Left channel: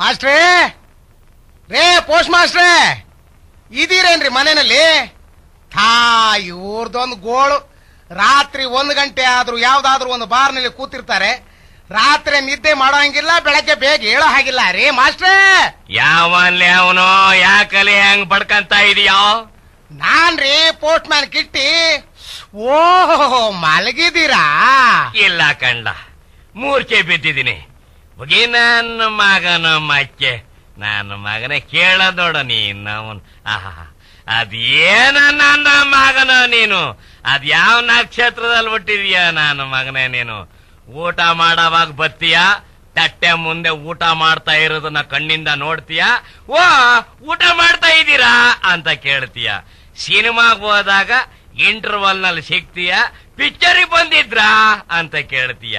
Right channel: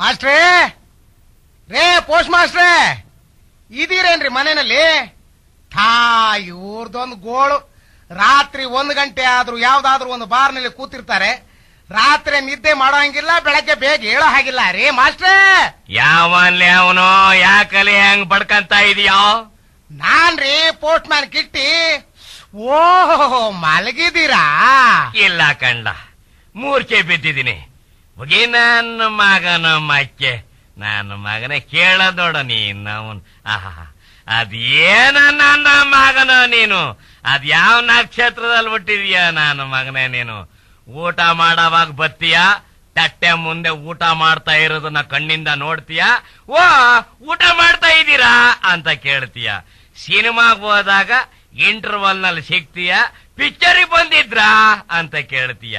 ಮಾಸ್ಟ್ರೇ ರೇ ಪೋಸ್ಟ್ ಮಾಸ್ಟ್ರೇ ಇದೀರೇನ್ರಿ ಮನೆಯಲ್ಲಿ? ಇವ್ರದೊಂದು ಗೋಳು. ರಾತ್ರಿ 1 ಗಂಟೆ ಆದ್ರೂ ಯಾವ್ದಾದ್ರು ಒಂದು ಬಾರ್ನಲ್ಲಿ ಕೂತಿರ್ತಾರೆ. ರಾತ್ರಿ ನಿದ್ದೆ ಮಾಡೋಂಗಿಲ್ಲ, ಬೆಳಗ್ಗೆ ಬೇಗ ಹೇಳೋ ಹಾಗಿಲ್ಲ ರೀ ಮಾಸ್ಟ್ರೇ. ಯಾವನ್ಲಿ ಅವನು? ಯಾಕಲೆ ಹೆಂಗ್ ಬಡ್ಕಂತ ಇದೀಯೋ? ನಾನ್ರಿ ಪೋಸ್ಟ್ ಮ್ಯಾನ್ ಕಿಟ್ಟಿ. ಓಹೋ, ಮಲಗಿದ್ದೀರಾ? ಇಲ್ಲ ಕಂಡ, ಮೂರ್ಛೆ ಬಿದ್ದಿದ್ದೀನಿ. ಬುಗಿ ನನ್ನ ಮಗನ ಮಕ್ಕೆ, ನನ್ನ ಮಗನೇ ಕೇಳದೋಡ ನೀನ್ ಅವನ್. ಅದೇನ ನನ್ನ ಮಗನ ನೀನು? ಅದ್ಯಾವ ನಕ್ಷತ್ರದಲ್ಲಿ ಹುಟ್ಟಿದೀಯ ನನ್ನ ಮಗನೇ ನೀನು? ಊಟ ಮಾಡೋವಾಗ ಬತ್ತೀಯ, ತಟ್ಟೆ ಮುಂದೆ ಊಟ ಮಾಡ್ತಾ ಇರೋದನ್ನ ಕಣ್ಣಿಂದ ನೋಡ್ತೀಯ. ಊಟ ಮಾಡ್ತಾ ಇದ್ದೀರಾ ಅಂತ ಕೇಳ್ತೀಯ. ಸಿನಿಮಾಗ್ ಹೋದಾಗ ಇಂಟರ್ವಲ್ ನಲ್ಲಿ ಸಿಗ್ತೀಯ, ಪಿಕ್ಚರಿಗೆ ಬಂದಿದ್ರಾ ಅಂತ ಕೇಳ್ತೀಯ.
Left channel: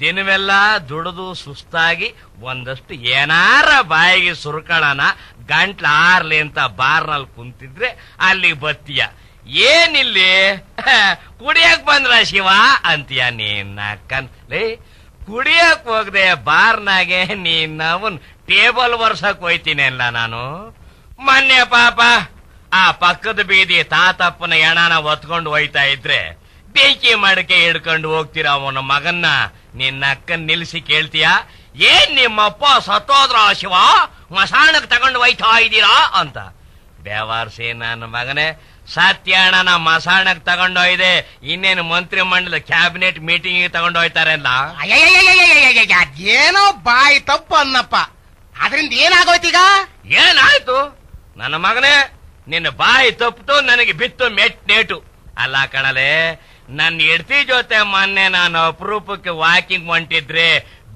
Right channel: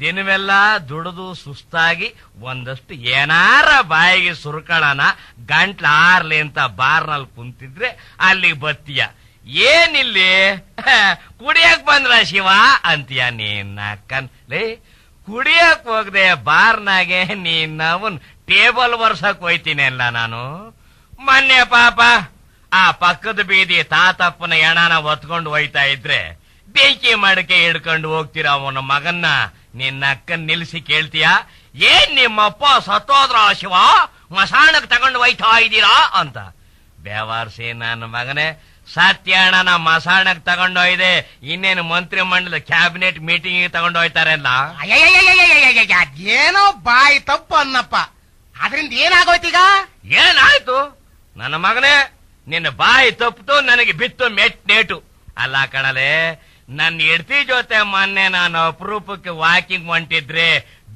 ದಿನವೆಲ್ಲ ದುಡಿದು ಸುಸ್ತಾಗಿ ಒಂದಷ್ಟು ಏನಾರ ಬಾಯಿಗೆ ಸುರ್ಕಳನ ಗಂಟ್ಲ ಆರ್ಲಿ ಅಂತ ಬಾರ್ನಲ್ಲಿ ಕುಂತಿದ್ರೆ ಅಲ್ಲಿ ಬತ್ತೀಯ. ಏನಿಲ್ಲಿ ಕುಡಿಯಕ್ ಬಂದ್ರ ಶಿವ ಅಂತೀಯ. ನೀನ್ ಕನ್ಲೇ ಕುಡಿಯಕ್ ಹೋಗದೆ ಬಾರ್ನಾಗೆ ನೀನ್ ಅವನ್ ಟೇಬಲ್ ವರ್ಷಕ್ ಹೋಯ್ತೀನಿ ಅಲ್ಲ ನಾನು. ಮೊನ್ನೆ ಪಾಪ ಆ ಪಕ್ಕದ ಬೀದಿ ತಾತಪ್ಪನ ಎಣನ ಹೊತ್ಕೊಂಡು ಹೋಯ್ತಾ ಇದ್ರೆ ಬೆಂಕಿ ಮಡಕೆ ಹಿಡ್ಕೊಂಡು ಹೋಗ್ತೀರ ಅವನ ಮಗನ್ನ. ನಿನ್ನ ಅಕ್ಕನ್ ನಿಲ್ಸಿ ಕೇಳ್ತೀಯ, ಏನ್ ನಿಮ್ಮಪ್ಪ ಸತ್ತೋದ್ರ ಶಿವ, ಮಸಾಣಕ್ ತಗೊಂಡು ಹೋಯ್ತಾ ಇದ್ದೀರಾ ಅಂತ. ಬೇವಾರ್ಸಿ ನನ್ನ ಮಗನೇ, ಸತ್ಯಣ್ಣನ ಮಸಾಣಕ್ ತಗೊಂಡೋಯ್ದೆ, ಇನ್ನೇನು ಮಂತ್ರಿ ಮಂಡಲ ಕ್ಯಾಬಿನೆಟ್ ಮೀಟಿಂಗ್ ತಗೊಂಡೋಯ್ತಾರೆ ಅಲ್ಲ. ಏನೋ ಬಾಯಿ ತಪ್ಪು ಅನ್ನಪ್ಪ, ಅದರಿಂದ ಏನಾಗೋಯ್ತೀಗ? ಏನಾಯ್ತು ನನ್ನ ಮಗನೇ? ನಿನ್ನ ಬಾಯಿ ತಪ್ಪು ನನಗೆ ಬಿತ್ತು ನೇಟು ಅಲ್ಲ ಕಣಲೆ. ನನ್ನ ಹೆಂಡತಿ ಜೊತೆ ಮೊನ್ನೆ ನಾನು ಅಪರೂಪಕ್ಕೆ ವಾಕಿಂಗ್ ಹೊಂಟಿದ್ರೆ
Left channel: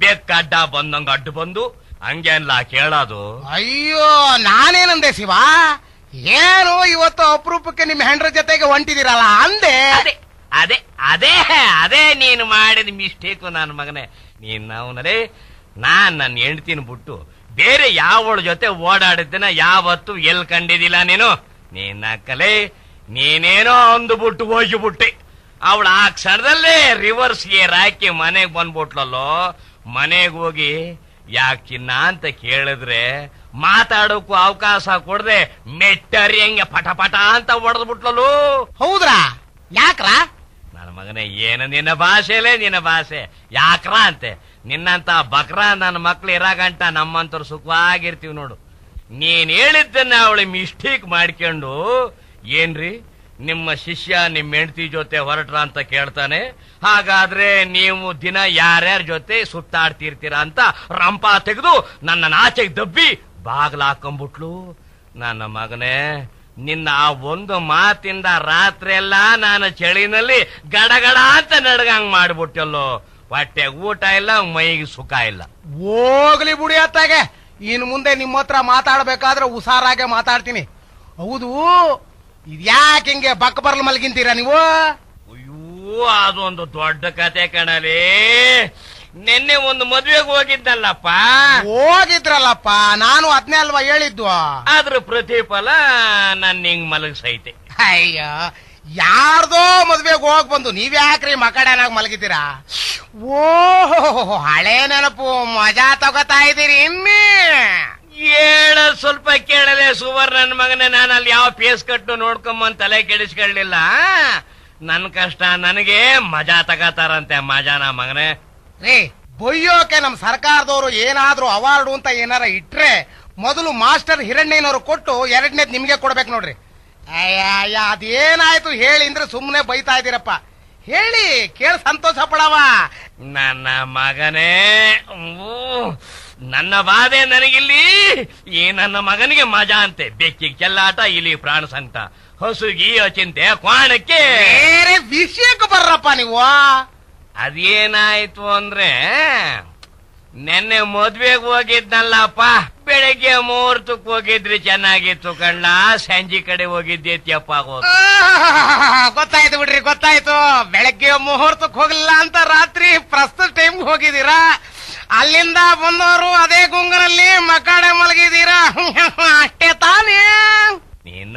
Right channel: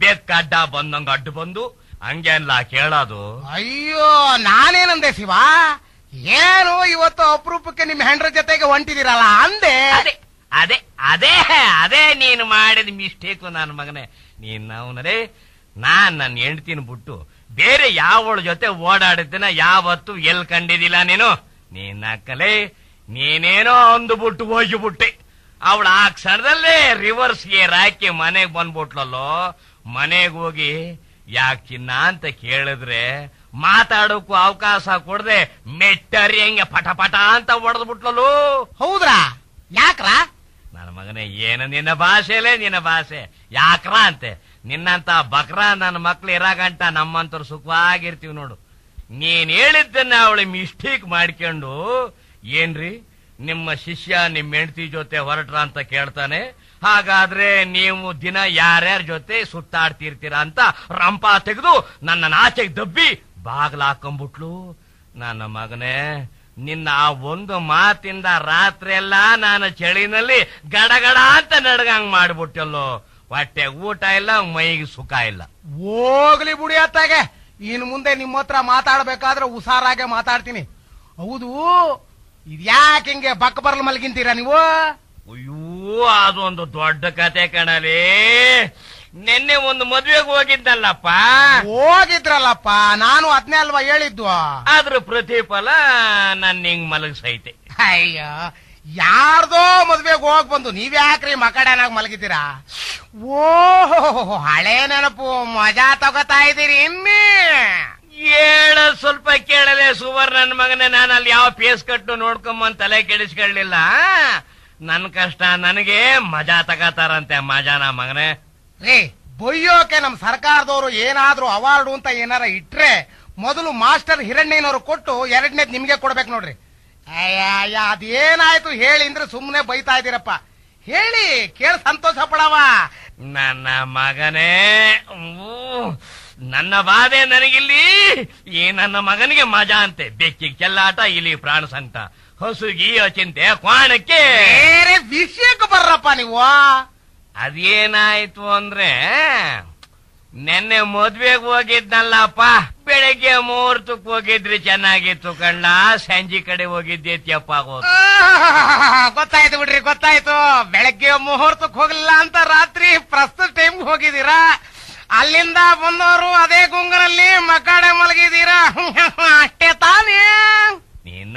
ಬೆಕ್ಕ ಅಡ್ಡ ಬಂದಂಗ ಅಡ್ಡು ಬಂದು ಹಂಗೇನ್ಲ ಕೇಳೋದು? ಅಯ್ಯೋ, ನಾನೇನಂದೆ ಶಿವ? ಏನು ಇವತ್ತು ಅಪರೂಪಕ್ಕೆ ನಿಮ್ ಹೆಂಡ್ರ ಜೊತೆಗೆ ಹೊಂಟಿದಿರಲ್ಲ ಅಂದೆ. ಅದೇ ಅದೇ ಅದೇ ನೀನು ಮಾಡಿದ ಮಿಸ್ಟೇಕು ನನ್ನ ಮಗನೇ. ನೀನ್ ಅವನರೇ, ನನ್ನ ಹೆಂಡ್ತಿನ ಬಿಟ್ಟು ಬೇರೆ ಯಾವಳ ಜೊತೆ ಓಡಾಡಿದ್ದನ ಯಾವತ್ತು ಎಲ್ ಕಂಡಿದ್ದಿಲ್ಲ ನೀನು. ನೀನ್ ಅಕ್ಕಲೇ, ನೀನೇನೋ ಅಂದುಬಿಟ್ಟು ಹೋಗಿಬಿಟ್ಟೆ. ಅವಳ ಆ ಕ್ಷಣದಲ್ಲೇ ರಿವರ್ಸ್ ಗೇರ್ ಹಾಕಿ ಮನೆಗ್ ಬಂದ್ಬಿಟ್ಲಲ್ಲೋ. ಮನೆಗ್ ಹೋಗಿ ಯಾಕಿನ್ನ ಅಂತ ಕೇಳಿದ್ರೆ ಮಾತಾಡೋಕ್ಕೂ ಅವಕಾಶ ಕೊಡದೆ ಮೆಟ್ಟರಿ ಹಂಗೆ ಪಟ ಪಟ ಅಂತ ಹೊಡೆದ್ಬಿಟ್ಲಲ್ಲೋ. ಹೌದ್ರಾ? ಯಾಕ್ರ? ನನ್ನ ಮಗನೇ, ಏನು ನಿನ್ನ ಭಾಷೆಲೇ ನಿನ್ನ ಭಾಷೆ. ಯಾಕ್ರ ಅಂತೆ? ನಿನ್ನಂತ ಬಕ್ರ ನನ್ನ ಮಕ್ಳು ಇರಾಗಂಟ ನಮ್ಮಂತವ್ರು ಸುಖವಾಗಿರ್ತೀವಿ ನೋಡು. ನೀನ್ ಹೇಳಿದ್ದನ್ನ ಅವಳು ಮಿಸ್ಟೇಕ್ ಮಾಡ್ಕೊಂಡು, ಏನ್ರಿ ನಿಮ್ಮ ಶಿಷ್ಯ ನಿಮ್ ಹೆಂಡತಿ ಜೊತೆ ಹೊರಟ್ರ ಅಂತ ಕೇಳ್ತಾನೆ. ಹಾಗಾದ್ರೆ ನೀವು ದಿನ ಯಾರ್ಯಾರ ಜೊತೆ ಸುತ್ತಾಡ್ತಿರ್ತೀರಾ ಅಂತ ರಂಪ ತೆಗೆದು ನನ್ನ ಆಚೆಗೆ ದಬ್ಬಿ ಬಾಗ್ಲ ಹಾಕೊಂಡ್ಬಿಟ್ಲು. ನನ್ನ ಮಗನೇ, ನಿನ್ನ ಆ ಒಂದು ಮಾತಿಂದ ರಾತ್ರಿ ಎಲ್ಲ ನಾನು ಚಳಿನಲ್ಲಿ ಗಡಗಡ ಅಂತ ನಡ್ಗಂಗ್ ಮಾಡ್ಬಿಟ್ಟಲ್ಲೋ. ಹೊಟ್ಟೆ ಊಟ ಇಲ್ಲ, ಮೈಗೆ ಸುಖ ಇಲ್ಲ. ಹೋಗ್ಲಿ ಬುಡಿ ಅತ್ತಾಗೆ, ಇನ್ನು ಮುಂದೆ ನಿಮ್ಮ ಹತ್ರ ಮಾತಾಡ್ಬೇಕಾದ್ರೆ ಹುಷಾರಾಗೆ ಮಾತಾಡ್ತೀನಿ. ಹೌದು, ಇದ್ಯಾಕೆ ಹಿಂಗೆ ಬಕ್ಕ ಬರ್ಲು ಮಲ್ಗಿಂತೀರಾ ನೀವು? ಅಯ್ಯೋ, ಅದೊಂದು ದೊಡ್ಡ ಕತೆ ಕಣಲೇ. ನಿನ್ನೆ ಒಂದು ಮದ್ವೆಗೆ ಹೋಗಿದ್ದಲ್ಲಪ್ಪ. ಹೋಗಿದ್ರಲ್ಲಪ್ಪ, ನಾನು ಅದನ್ನೇ ಅಲ್ವಾ ಹೇಳಿದ್ದು. ಆದ್ರ ಪ್ರತಿಫಲ ನನ್ನ ಹಿಂಗ್ ಮಲಗಿಸೈತೆ. ಅಯ್ಯೋ, ಯಾರ್ದೋ ಮದ್ವೆಗೆ ಹೋಗ್ ಬಂದು ನೀವ್ಯಾಕ್ರಿ ಮಕಡನಾಗ ಮಲಗಿದ್ದೀರಾ? ಓಹೋ, ಹಳೆ ನೆನಪು, ಮಜಾ ತಗೋತಾ ಇದ್ದೀರಿ ಇನ್ನೇ. ಏನ ಸ್ವಲ್ಪ ಕೇಳಲೆ ಸುವರ್ಣ ನನ್ನ ಮಗನೇ. ನಾನು ಅಲ್ಲಿ ಯಾವ ಪೇಸ್ ಕಟ್ಟು ನೋಡ್ಕೊಂಬಂದ್ ತಲೆ ಕೆಡಿಸ್ಕೊಳ್ಳಿಲ್ಲ. ನನ್ ಕಷ್ಟ ನನಗೆ ಮಜಾ ತಗತಾರಂತೆ. ಮಜಾನ ಮಗನೇ ರೀ, ಬೊಯ್ಯೋಕೆ ನಮ್ ಸರ್ಕಾರದವರು ಏನಾದ್ರೂ ಅವಾರ್ಡು ಅಂತ ಏನಾರ ಇಟ್ರೆ ಮೊದಲು ಮಾಸ್ಟರ್ ಹಿರಣ್ಣಯ್ಯನವರು ಕೊಟ್ಟು ಎರಡನೇದ್ ನಿಮ್ಗೆ ಕೊಡ್ಬೇಕು ನೋಡ್ರಿ. ಅಯ್ಯ, ಅದೇನಾಯ್ತು ಹೇಳಿ ಅಂದ್ರೆ ಸುಮ್ನೆ ಬೈತಾ ಇದ್ದೀರಪ್ಪ. ಹೇಳಿ ಕೇಳಿ ಸಂತೋಷ ಪಡವ. ನನ್ನ ಮಗನೇ, ನನ್ನ ಬಾಧೆ ನನಗಿಲ್ಲಿ. ಈ ನನ್ನ ಮಗನಿಗೆ ಮಜಾ ಅಂತೆ, ಬೆಕ್ಕಿಗೆ ಚೆಲ್ಲಾಟ, ಇಲ್ಲಿ ಪ್ರಾಣ ಸಂಕಟ, ಹಸುಗಿ ಚಿಂತೆ, ಕ್ವಾಣಕ್ಕೆ. ವಿಷಯಕ್ಕೆ ಬರ್ರಪ್ಪ ನೀವು. ಅದೇನಾಯ್ತು ಅಂದ್ರೆ, ನೆನ್ನೆ ಮದ್ವೆಗೆ ಹೋಗಿದ್ನಲ್ಲಪ್ಪ. ಬೆಳಿಗ್ಗೆ ಮುಹೂರ್ತಕ್ಕೆ ಹೋಗಿದ್ರಿ, ಚೆನ್ನಾಗಿತ್ತು ಕಣ್ಣ. ಸಂಜೆ ಕಡೆ ಹೋಗಿದ್ದೇತ್ಯಪ್ಪ. ಗೊತ್ತಾಯ್ತು ಬಿಡ್ರಿ, ಗೊತ್ತಾಯ್ತು. ಬೆಳಗ್ಗೆ ಮುಹೂರ್ತಕ್ಕೆ ಹೋಗ್ಲಿಲ್ಲ ಅಂತ ರಾತ್ರಿ ಪ್ರಸ್ತುತ ಟೈಮ್ ಹೋಗಿದ್ದೀರಾ. ಅಲ್ಲಿಂದ ಬಂದವರು ಅದೇ ಗುಂಗರಲ್ಲಿ ಮಕ್ಕಡೆ ಮಲಗಿದ್ದೀರಾ, ಅಷ್ಟೇ ತಾನೇ. ನೀನ್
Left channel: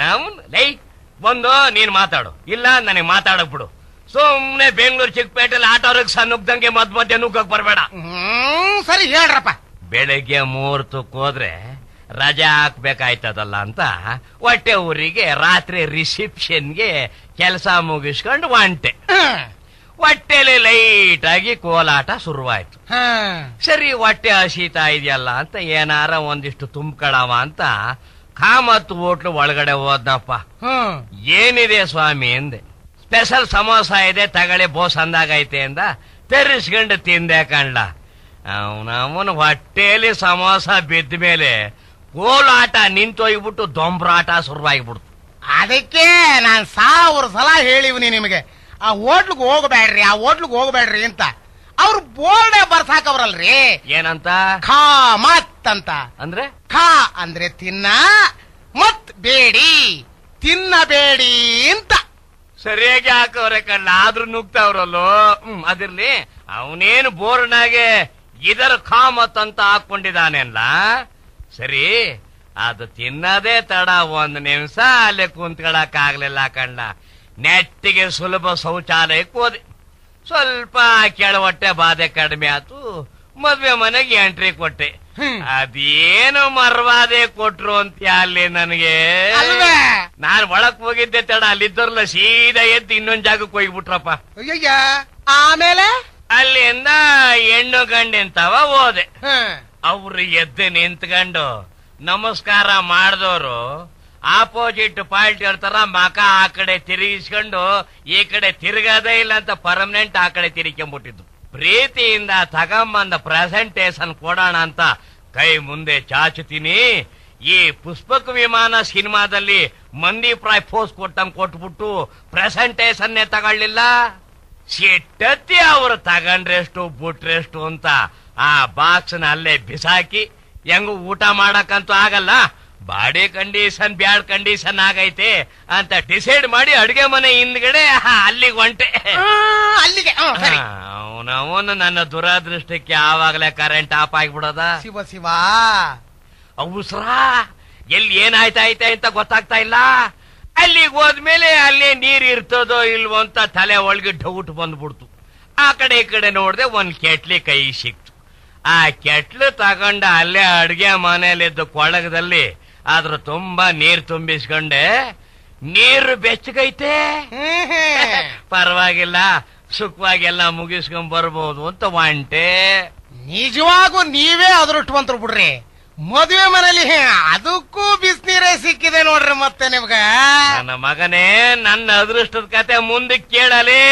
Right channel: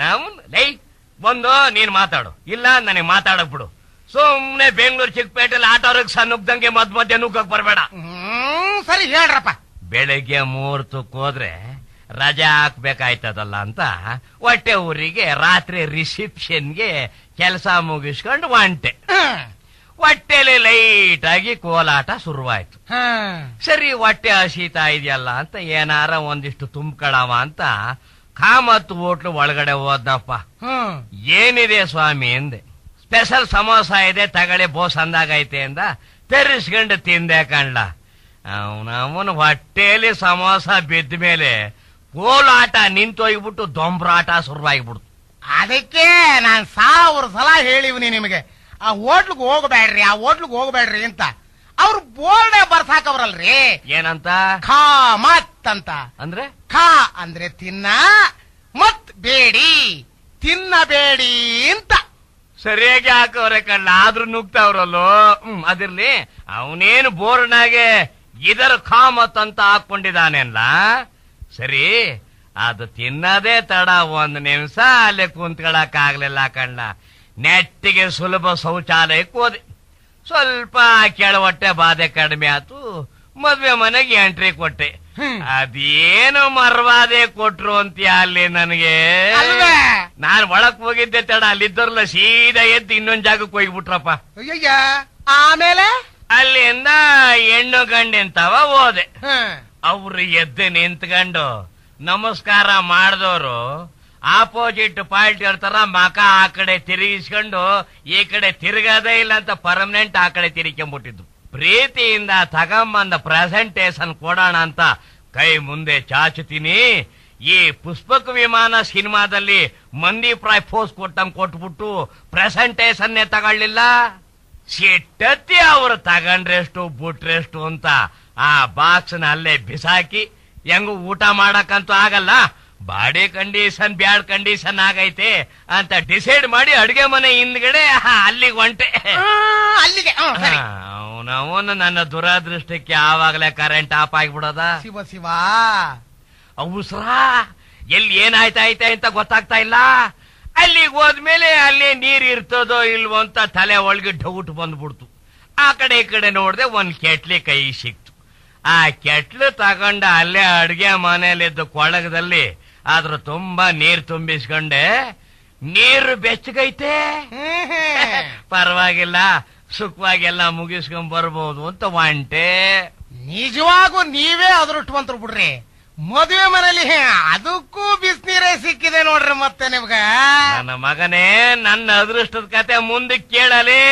ಬಂದು ನೀನ್ ಮಾತಾಡು, ಇಲ್ಲ ನನಗೆ ಮಾತಾಡಕ್ ಬಿಡು. ಸುಮ್ನೆ ಬೆಂಗಳೂರು ಚಿಕ್ಕಪೇಟೆಯಲ್ಲಿ ಆಟೋರಿಗೆ ಸಣ್ಣಗ್ದಂಗೆ ಮಧ್ಯ ನುಗ್ಗಕ್ ಬರ್ಬೇಡ. ಸರಿ ಹೇಳ್ರಪ್ಪ. ಬೆಳಗ್ಗೆ ಮುಹೂರ್ತಕ್ಕೆ ಹೋದ್ರೆ ರಜಾ ಹಾಕ್ಬೇಕಾಯ್ತದಲ್ಲ ಅಂತ ಹೊಟ್ಟೆ ಊರಿಗೆ ರಾತ್ರಿ ರಿಸೆಪ್ಷನ್ಗೆ ಕೆಲಸ ಮುಗಿಸ್ಕೊಂಡು ಹೊಂಟೆ. ಹೊಟ್ಟೆಲಿ ಲೈಟ್ ಆಗಿ ಕೋಲಾಟ ಶುರುವಾಯ್ತು. ಸರಿ, ಹೊಟ್ಟೆ ಹಸೀತಾ ಇದೆಯಲ್ಲ ಅಂತ ಏನಾರ ಒಂದಿಷ್ಟು ತುಂಬ್ಕೊಳವ ಅಂತ ಕಾಮತ್ ಹೋಟ್ಲು ಒಳಗಡೆ ಹೋದ್ನಪ್ಪ. ಏನಿದೆ ಸ್ವಾಮಿ ಅಂದೆ. ಸ್ಪೆಷಲ್ ಸಮೋಸ ಇದೆ ತಗಳೆ ಬೋಸ್ ಅಂದಾಗೈತೆ ಅಂದ. ತರಿಸ್ಕೊಂಡು ತಿಂದೆ ಕಣ್ಣ. ಅವನವನ ಹೊಟ್ಟೆಯಲ್ಲಿ ಸಮೋಸ ಬಿದ್ದ ಮೇಲೆ ಕೋಲಾಟ ನಿಂತೋಗ್ಬಿಟ್ಟು ದೊಂಬ್ರಾಟ ಶುರುವಾಗಿಬಿಡ್ತು. ಅದಕ್ಕೆ ನಾನ್ 1000 ಸಲ ಹೇಳಿವ್ನಿ ನಿಮಗೆ, ಆ ಹೋಟ್ಲಿಗೆ ಹೋಗಬೇಡ್ರಿ ಅಂತ. ಅವ್ರು ಬೋರ್ಡೆ ಬರ್ಸಾಕವ್ರಲ್ರಿ. ಏನಂತ? ಖಾ ಮತ್ ಅಂತ. ಅಂದ್ರೆ ಖಾ ಅಂದ್ರೆ ತಿನ್ನ, ಮತ್ ಬೇಡಿ ತಿನ್ನಬೇಡಿ ಅಂತ. ಸರಿಯಾಗಿ ಹಾಕವ್ರೆ ಕಣ್ಣ. ಆದ್ರೂ ನುಗ್ತಾವ್ರಲ್ಲೋ. ಅದಿರ್ಲಿ, ಅವನೇನು ಬೋರ್ಡ್ನಾಗೆ ಇದರ ಖಾಮತ್ ಅಂತ ಹಾಕೊಂಡಿದ್ದಾನೆಲ್ಲ. ಸರಿ, ಅದು ತಿನ್ನದೇ ತಡ 1 ನಿಮಿಷ ಅಲ್ಲೇ ಕುಂತ್ಕೊಳಕ್ಕಾಗ್ಲಿಲ್ಲ ಕಣ್ಣ. ನೆಟ್ಟಿಗೆ ಸುಲಭ ಶೌಚಾಲಯಕ್ಕೆ ಹೋದೆ. ಸ್ವಲ್ಪ ಕೆಳವಟ್ಟೆ ಬಾಧೆ ಕಡಿಮೆ ಆಯ್ತು. ಮದ್ವೆ ಮನೆಗೆ ಎಂಟ್ರಿ ಕೊಟ್ಟೆ. ಅದೇನು ಮರ್ವಾದೆ ಕೊಟ್ರು ಅಂತೀಯ ಅಲ್ಲಿ ನನಗೆ. ನಾನ್ ಒಳಕ್ ಹೋಗಿದ್ದೆ ತಡ, ಅಲ್ಲಿದ್ದರ್ಲ ಸೀದಾ ಎದ್ದು ಇನ್ನೊಂದ್ ಜಾಗಕ್ಕೆ ಹೋಗ್ಬಿಟ್ರಪ್ಪ. ಆಮೇಲೆ ಅಲ್ಲಿಂದ ಹೆಣ್ಣು ಗಂಡೆಂತವ ಹೋದೆ. ಅವ್ರು ಎದ್ದು ನಿಂತ್ಕೊಂಡು ನಮಸ್ಕಾರ ಮಾಡಿದವರು ಆಪೋಸಿಟ್ ಪಾರ್ಟಿ ಇರ್ತಾರ, ಮಕ ಆ ಕಡೆ ತಿರುಗಿಸ್ಕೊಂಡು ಈ ಕಡೆ ತಿರುಗದೇ ಇಲ್ಲ ಅಂತ ಪರ್ಮನೆಂಟ್ ಆ ಕಡೆ ತಿರುಗಿಕೊಂಡ್ಬಿಟ್ಟಿದ್ದು. ಪ್ರೀತಿಯಿಂದ ತಗೊಂಬಂದ ಪ್ರೆಸೆಂಟೇಶನ್ ಕೊಡೋಣ ಅಂತ ಕೈ ಮುಂದೆ ಚಾಚುತ್ತೀನಿ. ಈ ಪುಷ್ಪಕ ವಿಮಾನ ಸಿನಿಮಾದಲ್ಲಿ ಮಂದಿ ಪ್ರಾಯ್ ಫೋರ್ಸ್ ಕೊಟ್ಬಿಟ್ಟು ಪ್ರೆಸೆಂಟೇಶನ್ನೇ ತಗೊಳ್ಳಿಲ್ಲ. ಸಿಟ್ಟತ್ತಿ ಅವರು ತಗೊಂಡ್ರೆಷ್ಟು ಬಿಟ್ರೆಷ್ಟು ಅಂತ ಆ ಬಾಕ್ಸ್ ನ ಅಲ್ಲೇ ಬಿಸಾಕಿ, ಹೆಂಗು ಊಟ ಮಾಡಕ್ಕಂತೂ ಆಗಲ್ಲ, ಬಾಡಿ ಕಂಡೀಷನ್ ಬ್ಯಾಡ್ ಕಂಡೀಷನ್ ಆಗೈತೆ ಅಂತ ಡಿಸೈಡ್ ಮಾಡಿ ಅಡ್ಗೆ ಮನೆ ಹಿಂದ್ಗಡೆ ಅಲ್ಲಿಗೆ ಹೊಂಟೆ. ಅವನವನು ನನ್ನ ದುರಾದೃಷ್ಟಕ್ಕೆ ಆವಾಗಲೇ ಕರೆಂಟ್ ಆಫ್ ಆಗಿಬಿಡೋದ. ಶಿವ ಅವಸರ ಎಲ್ಲಿ ಏನಾಯ್ತಾಯ್ತೆ ಅಂತ ಗೊತ್ತಾಗ್ತಾ ಇಲ್ಲ. ಅಲ್ಲಿಗೆ ಹೋದ್ಮೇಲೆ ಅಲ್ಲೇ ನೀರ್ ಇರ್ತದೋ ಇಲ್ವೋ ಅಂತ ತಲೆ ಒಳಗೆ ಡೌಟ್ ಬಂದ್ಬಿಡ್ತು. ಆ ಕಡೆ ಈ ಕಡೆ ನೋಡ್ದೆ, ಒಂದ್ ಕೆಟ್ಲಿ ಕೈ ಸಿಕ್ತು. ಆ ಕೆಟ್ಲು ತಗೊಂಡ ಅಲ್ಲೇ ಅಡ್ಗೆ ಮನೆಯಲ್ಲಿದ್ದ ಕೊಳಗದಲ್ಲಿ ಅದ್ರ ತುಂಬಾ ನೀರ್ ತುಂಬಿಸ್ಕೊಂಡೆ. ನೀರು ಬೆಚ್ಚಗೈತೆ, ಪರವಾಗಿಲ್ಲ, ಸುಖವಾಗೆಲ್ಲ ಮುಗಿಸ್ಕೊಂಡ್ ಬರ್ಬೋದು ಅಂತ ಹೊಂಟೆ. ನಿಜವಾಗೂ ನೀವೇ ಅದೃಷ್ಟವಂತರು ಬಿಡ್ರಿ. ಮದುವೆ ಮನೇಲಿ ಅದಕ್ಕೂ ಬಿಸಿನೀರೇ ಸಿಕ್ಕಿದೆ ನೋಡ್ರಿ. ಮತ್ತೆ ನಿಮ್ಗ ನನ್ನ ಮಗನೇ, ನನ್ನ ಅದೃಷ್ಟದ ಕತೆ ಮುಂದಕ್ಕೆ ಕೇಳಲೇ.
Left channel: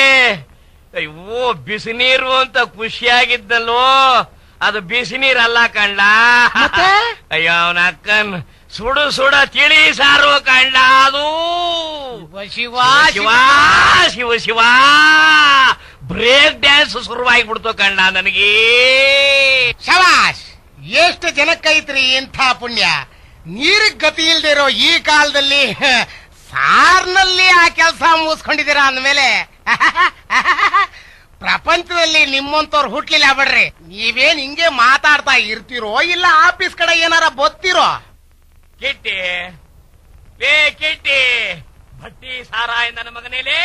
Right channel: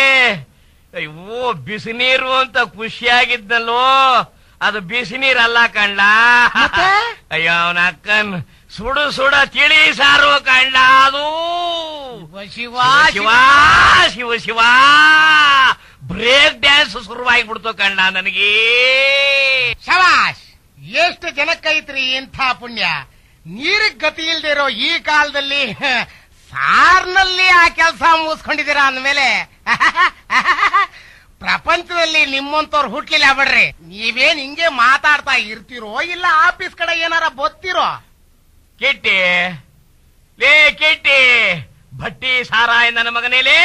ಅಯ್ಯೋ, ಬಿಸಿನೀರು ಅಂತ ಖುಷಿಯಾಗಿದ್ದಲ್ಲೋ, ಅದು ಬಿಸಿನೀರಲ್ಲ ಕಣ್ಣ. ಅಯ್ಯೋ, ಅವನ ಅಕ್ಕನ್ ಸುಡ ತಿಳಿ ಸಾರು ಕಣ್ಣ. ಅದು ಶಿವ ಶಿವ ಶಿವ ಬ್ರೇಕ್ ಡ್ಯಾನ್ಸ್ ಶುರುವಾಗಿಬಿಡ್ತು ಕಣ್ಣ ನನಗೆ. ಶಬಾಷ್, ಎಷ್ಟು ಜನಕ್ಕೈತ್ರಿ ಇಂಥ ಪುಣ್ಯ. ನೀರಿಗೆ ಗತಿ ಇಲ್ದಿರೋ ಈ ಕಾಲದಲ್ಲಿ ಸಾರ್ನಲ್ಲಿ ಆ ಕೆಲಸ ಮುಗಿಸ್ಕೊಂಡಿದ್ದೀರಾ ಅಂದ್ಮೇಲೆ ಪ್ರಪಂಚದಲ್ಲಿ ನಿಮ್ಮಂತವ್ರು ಹುಟ್ಲಿಲ್ಲ ಬಿಡ್ರಿ. ನೀವೇನ್ ಹಿಂಗೆ ಮಾತಾಡ್ತಾ ಇರ್ತೀರೋ ಇಲ್ಲ ಆಫೀಸ್ ಕಡೆ ಏನಾರ ಬತ್ತಿರೋ? ಕಿಟ್ಟಿ ಲೇ ಕಿಟ್ಟಿ, ಭಟ್ಟಿ ಸಾರಾಯ್ ನನ್ನ ಮಗನೇಲೇ.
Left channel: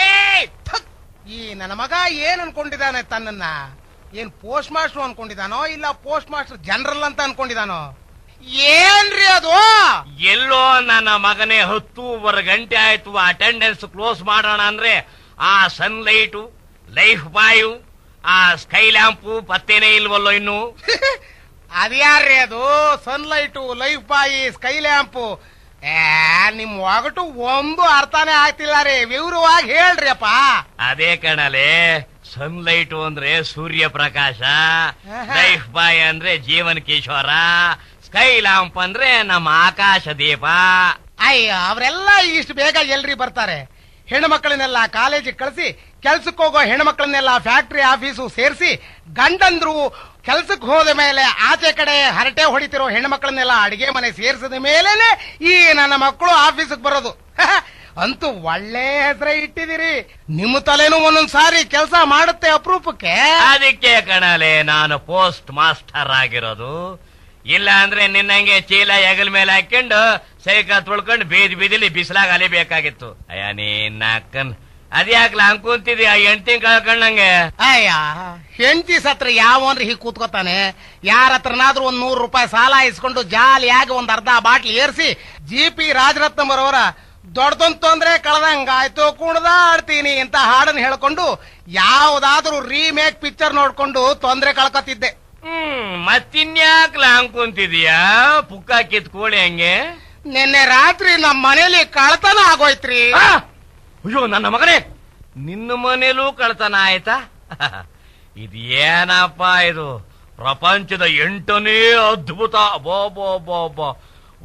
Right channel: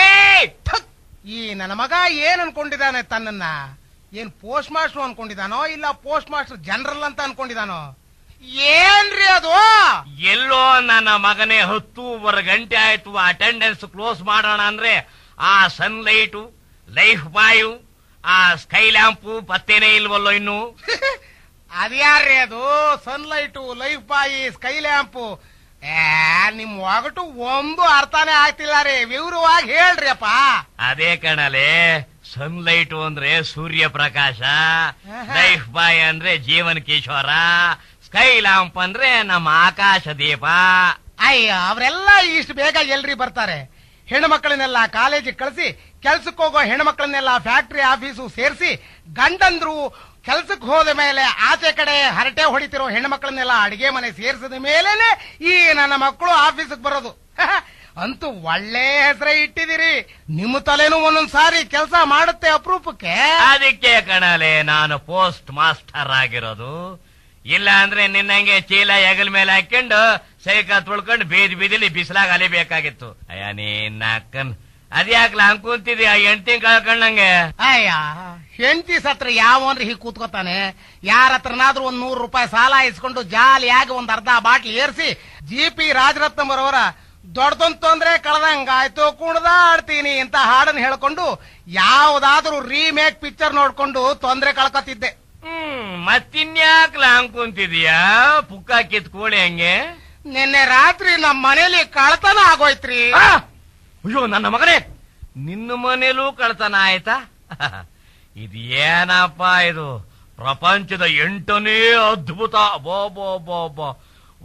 ಈ ನನ್ನ ಮಗ ಏನ್ ಅನ್ಕೊಂಡಿದ್ದಾನೆ ತನ್ನನ್ನ? ಏನ್ ಪೋಸ್ಟ್ ಮಾಸ್ಟರ್ ಅನ್ಕೊಂಡಿದಾನೋ ಇಲ್ಲ ಪೋಸ್ಟ್ ಮಾಸ್ಟರ್ ಜನರಲ್ ಅಂತ ಅನ್ಕೊಂಡಿದಾನೋ? ಏನ್ರಿ ಅದು? ಎಲ್ಲೋ ನನ್ನ ಮಗನೇ 10 ಗಂಟೆ ಆಯ್ತು ಅಟೆಂಡೆನ್ಸ್ ಕ್ಲೋಸ್ ಮಾಡೋಣ ಅಂದ್ರೆ ಆ ಸನ್ಲೈಟು, ಲೈಫ್ ಬಾಯು, ಆ ಸ್ಕೈ ಲ್ಯಾಂಪು ಪತ್ತೇನೆ ಇಲ್ವಲ್ಲೋ ಇನ್ನು. ಅದ್ಯಾರ್ರಿ ಅದು? ಸನ್ಲೈಟು, ಲೈಫ್ ಬಾಯಿ, ಸ್ಕೈ ಲ್ಯಾಂಪು? ನಿಮ್ ಒಗಟು ಒಂದು ಅರ್ಥನೇ ಆಗ್ತಿಲ್ಲ ರೀ. ವಿವರವಾಗಿ ಹೇಳ್ರಿ ಅಪ್ಪ. ಅದೇ ಕಣಲೆ, ಸನ್ಲೈಟ್ ಅಂದ್ರೆ ಸೂರ್ಯ ಪ್ರಕಾಶ, ಲೈಫ್ ಬಾಯ್ ಅಂದ್ರೆ ಜೀವನ ಕಿಶೋರ, ಸ್ಕೈ ಲ್ಯಾಂಪ್ ಅಂದ್ರೆ ನಮ್ಮ ಆಕಾಶ ದೀಪ. ಅಯ್ಯ, ಅವರೆಲ್ಲ ಇಷ್ಟು ಬೇಗ ಎಲ್ರಿ ಬರ್ತಾರೆ? ಹೆಣ್ಮಕ್ಳನ್ನೆಲ್ಲ ಕಾಲೇಜಿಗೆ ಕಳಿಸಿ, ಕೆಲ್ಸಕ್ಕೆ ಹೋಗೋ ಹೆಣ್ಮಕ್ಳನ್ನೆಲ್ಲ ಫ್ಯಾಕ್ಟರಿ ಆಫೀಸು ಸೇರಿಸಿ, ಗಂಡಂದ್ರು ಕೆಲ್ಸಕ್ಕೆ ಹೋದ ಮೇಲೆ ಆಚೆ ಕಡೆ ಹರಟೆ ಹೊಡಿತಿರೋ ಹೆಣ್ಮಕ್ಳನ್ನೆಲ್ಲ ಅಡಿಗೆ ಮನೆ ಸೇರಿಸಿದ ಮೇಲೇನೆ ಈ ನನ್ನ ಮಕ್ಕಳು ಆಫೀಸಿಗೆ ಬರೋದು. ಅಂತೂ ಒಳ್ಳೆ ಹೆಸರೇ ಇಟ್ಟಿದ್ದೀರಿ. ನಿಮ್ಮ ತಲೆನೂ ಒಂದೊಂದ್ ಸಾರಿ ಕೆಲಸ ಮಾಡುತ್ತೆ ಅಪರೂಪಕ್ಕೆ. ಅದಕ್ಕೆ ಕಣಲೆ ನಾನು ಪೋಸ್ಟ್ ಮಾಸ್ಟರ್ ಆಗಿರೋದು. ಇಲ್ಲ ಅಂದ್ರೆ ನಿನ್ನಂಗೆ ಚೀಲ ಹೆಗಲ ಮೇಲೆ ಹಾಕೊಂಡು ಸೈಕಲ್ ತುಳ್ಕೊಂಡು ಬೀದಿಲಿ ಬಿಸಿಲಾಗ ಅಲಿಬೇಕಾಗಿತ್ತು. ಅಯ್ಯ, ನೀನ್ ಅದ್ಯಾಕ್ಲ ಅನ್ಕೊಂತಿದ್ಯಾ ಹೆಂಡ್ತಿ ಕಳ್ಕೊಂಡಂಗೆ? ಅಯ್ಯ, ಹೆಂಡತಿ ಸತ್ರ ಯಾವನ್ರಿ ಹೀಗೆ ಕೂತ್ಕೋತಾನೆ? ಯಾರ ಹತ್ರನಾದ್ರೂ ಒಂದ್ ₹100 ಸಾಲ ಇಸ್ಕೊಂಡು ಜಾಲಿಯಾಗಿ ಒಂದ್ ಅರ್ಧ ಬಾಟ್ಲಿ ಏರ್ಸಿ GP ರಾಜರತ್ನಂ ಅವರವರ ದೊಡ್ಡದೊಂದು ತೊಂದ್ರೆ ಕಳೆದಂಗಾಯ್ತು ಕುಣ್ದಾಡ್ತೀನಿ ಅಂತ ಹಾಡನ್ನು ಹೇಳ್ಕೊಂಡು ಯಾವ್ದಾದ್ರೂ ರೀಮೇಕ್ ಪಿಕ್ಚರ್ ನೋಡ್ಕೊಂಡು ತೊಂದ್ರೆ ಕಳ್ಕೊತಿದ್ದೆ. ಮತ್ತಿನ್ಯಾಕ್ಲ ಅನ್ಕೊಂತಿದೀಯಾ ಪುಕ್ಕ ಕಿತ್ಕೋಳಿ ಹಂಗೆ? ನಿನ್ನೆ ರಾತ್ರಿ ನಮ್ ಮನೇಲಿ ಕಳ್ತನ ಆಗೋಯ್ತ್ರಿ. ಅಯ್ಯೋ ನನ್ನ ಮಗನೇ, ನಿನ್ನ ಮನೇಲೂ ಕಳ್ತನ ಆಯ್ತಾ? ಇದೇನಪ್ಪ ಇದು? ಪ್ರಪಂಚದ 8ನೇ ಅದ್ಭುತ.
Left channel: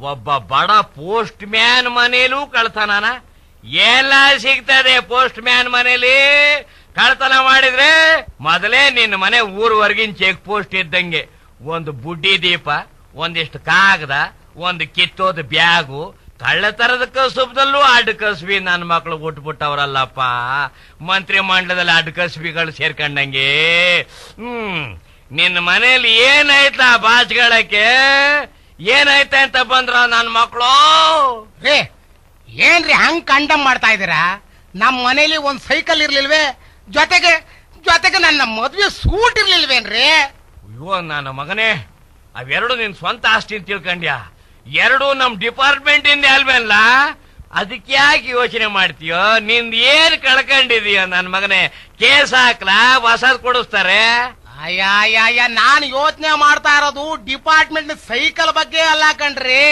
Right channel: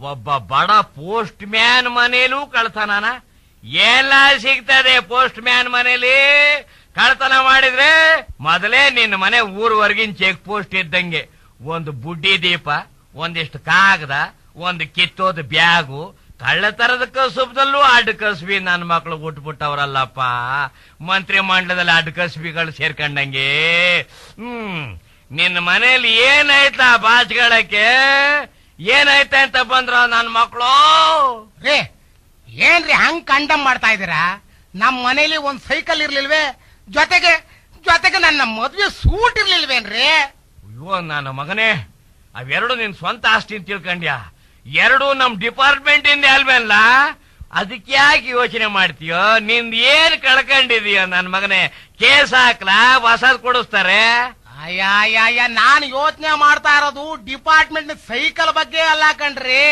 ಒಬ್ಬ ಬಡ ಪೋಸ್ಟ್ ಮ್ಯಾನ್ ಮನೇಲೂ ಕಳ್ತನನ? ಎಲ್ಲ ಸಿಗ್ತದೆ ಪೋಸ್ಟ್ ಮ್ಯಾನ್ ಮನೇಲಿ ಕಳ್ತನ ಮಾಡಿದ್ರೆ? ಮೊದಲೇ ನಿನ್ನ ಮನೆ ಊರ್ವರ್ಗಿನ ಚೆಕ್ ಪೋಸ್ಟ್ ಇದ್ದಂಗೆ. ಒಂದು ಬುಡ್ಡಿ ದೀಪ, ಒಂದಿಷ್ಟು ಕಾಗದ, ಒಂದು ಕಿತ್ತೋದ ಬ್ಯಾಗು. ಕಳ್ಳತನದ ಕಸುಬದಲ್ಲೂ ಅಡ್ಡ ಕಸುಬಿ ನನ್ನ ಮಕ್ಕಳು ಹುಟ್ಟುಬಿಟ್ಟವ್ರಲ್ಲಪ್ಪ. ಮಂತ್ರಿ ಮಂಡಲದಲ್ಲಿ ಅಡ್ಡ ಕಸುಬಿಗಳು ಸೇರ್ಕೊಂಡಂಗೆ. ನಿನ್ನ ಮನೇಲಿ ಏನಾಯ್ತಾ ಬಾಚ್ಗಳಕ್ಕೆ? ಏನಾಯ್ತ ಅಂತ ಬಂದ್ರ ನನ್ನ ಮಕ್ಕಳು? ಏನ್ರಿ ಹಂಗ್ ಕಂಡಮ್ ಮಾಡ್ತಾ ಇದೀರಾ? ನಮ್ ಮನೇಲಿ ಒಂದ್ ಸೈಕಲ್ ಇರ್ಲಿಲ್ವೇ? ಜೊತೆಗೆ ನನ್ನ ಮದ್ವೆ ಸೂಟ್ ಇರ್ಲಿಲ್ವೇನ್ರಿ? ಅಯ್ಯೋ ನನ್ನ ಮಗನೇ, ಅವೆರಡು ನಿನ್ ಸ್ವಂತ ಆಸ್ತಿ ಅಂತ ತಿಳ್ಕೊಂಡ್ಯಾ? ಎರಡು ನಮ್ ಡಿಪಾರ್ಟ್ಮೆಂಟ್ ಇಂದ ಅಲ್ವಲ್ಲ? ಅದಕ್ಕೆ ಯಾಕೆ ಯೋಚನೆ ಮಾಡ್ತೀಯೋ? ನಿಂದ ಏನ್ ಕಳ್ಕೊಂಡಿದೀಯ ನನ್ನ ಮಗನೇ? ಕೇಸ್ ಹಾಕ್ಲಾ? ಹೊಸದ್ ಕೊಡಿಸ್ತಾರೆ? ಅಯ್ಯ, ನಾನ್ ಯೋಚನೆ ಮಾಡ್ತಾ ಇರೋದು ಡಿಪಾರ್ಟ್ಮೆಂಟ್ ಸೈಕಲ್ ಬಗ್ಗೆ ಅಲ್ಲ ಕಣ್ರಿ.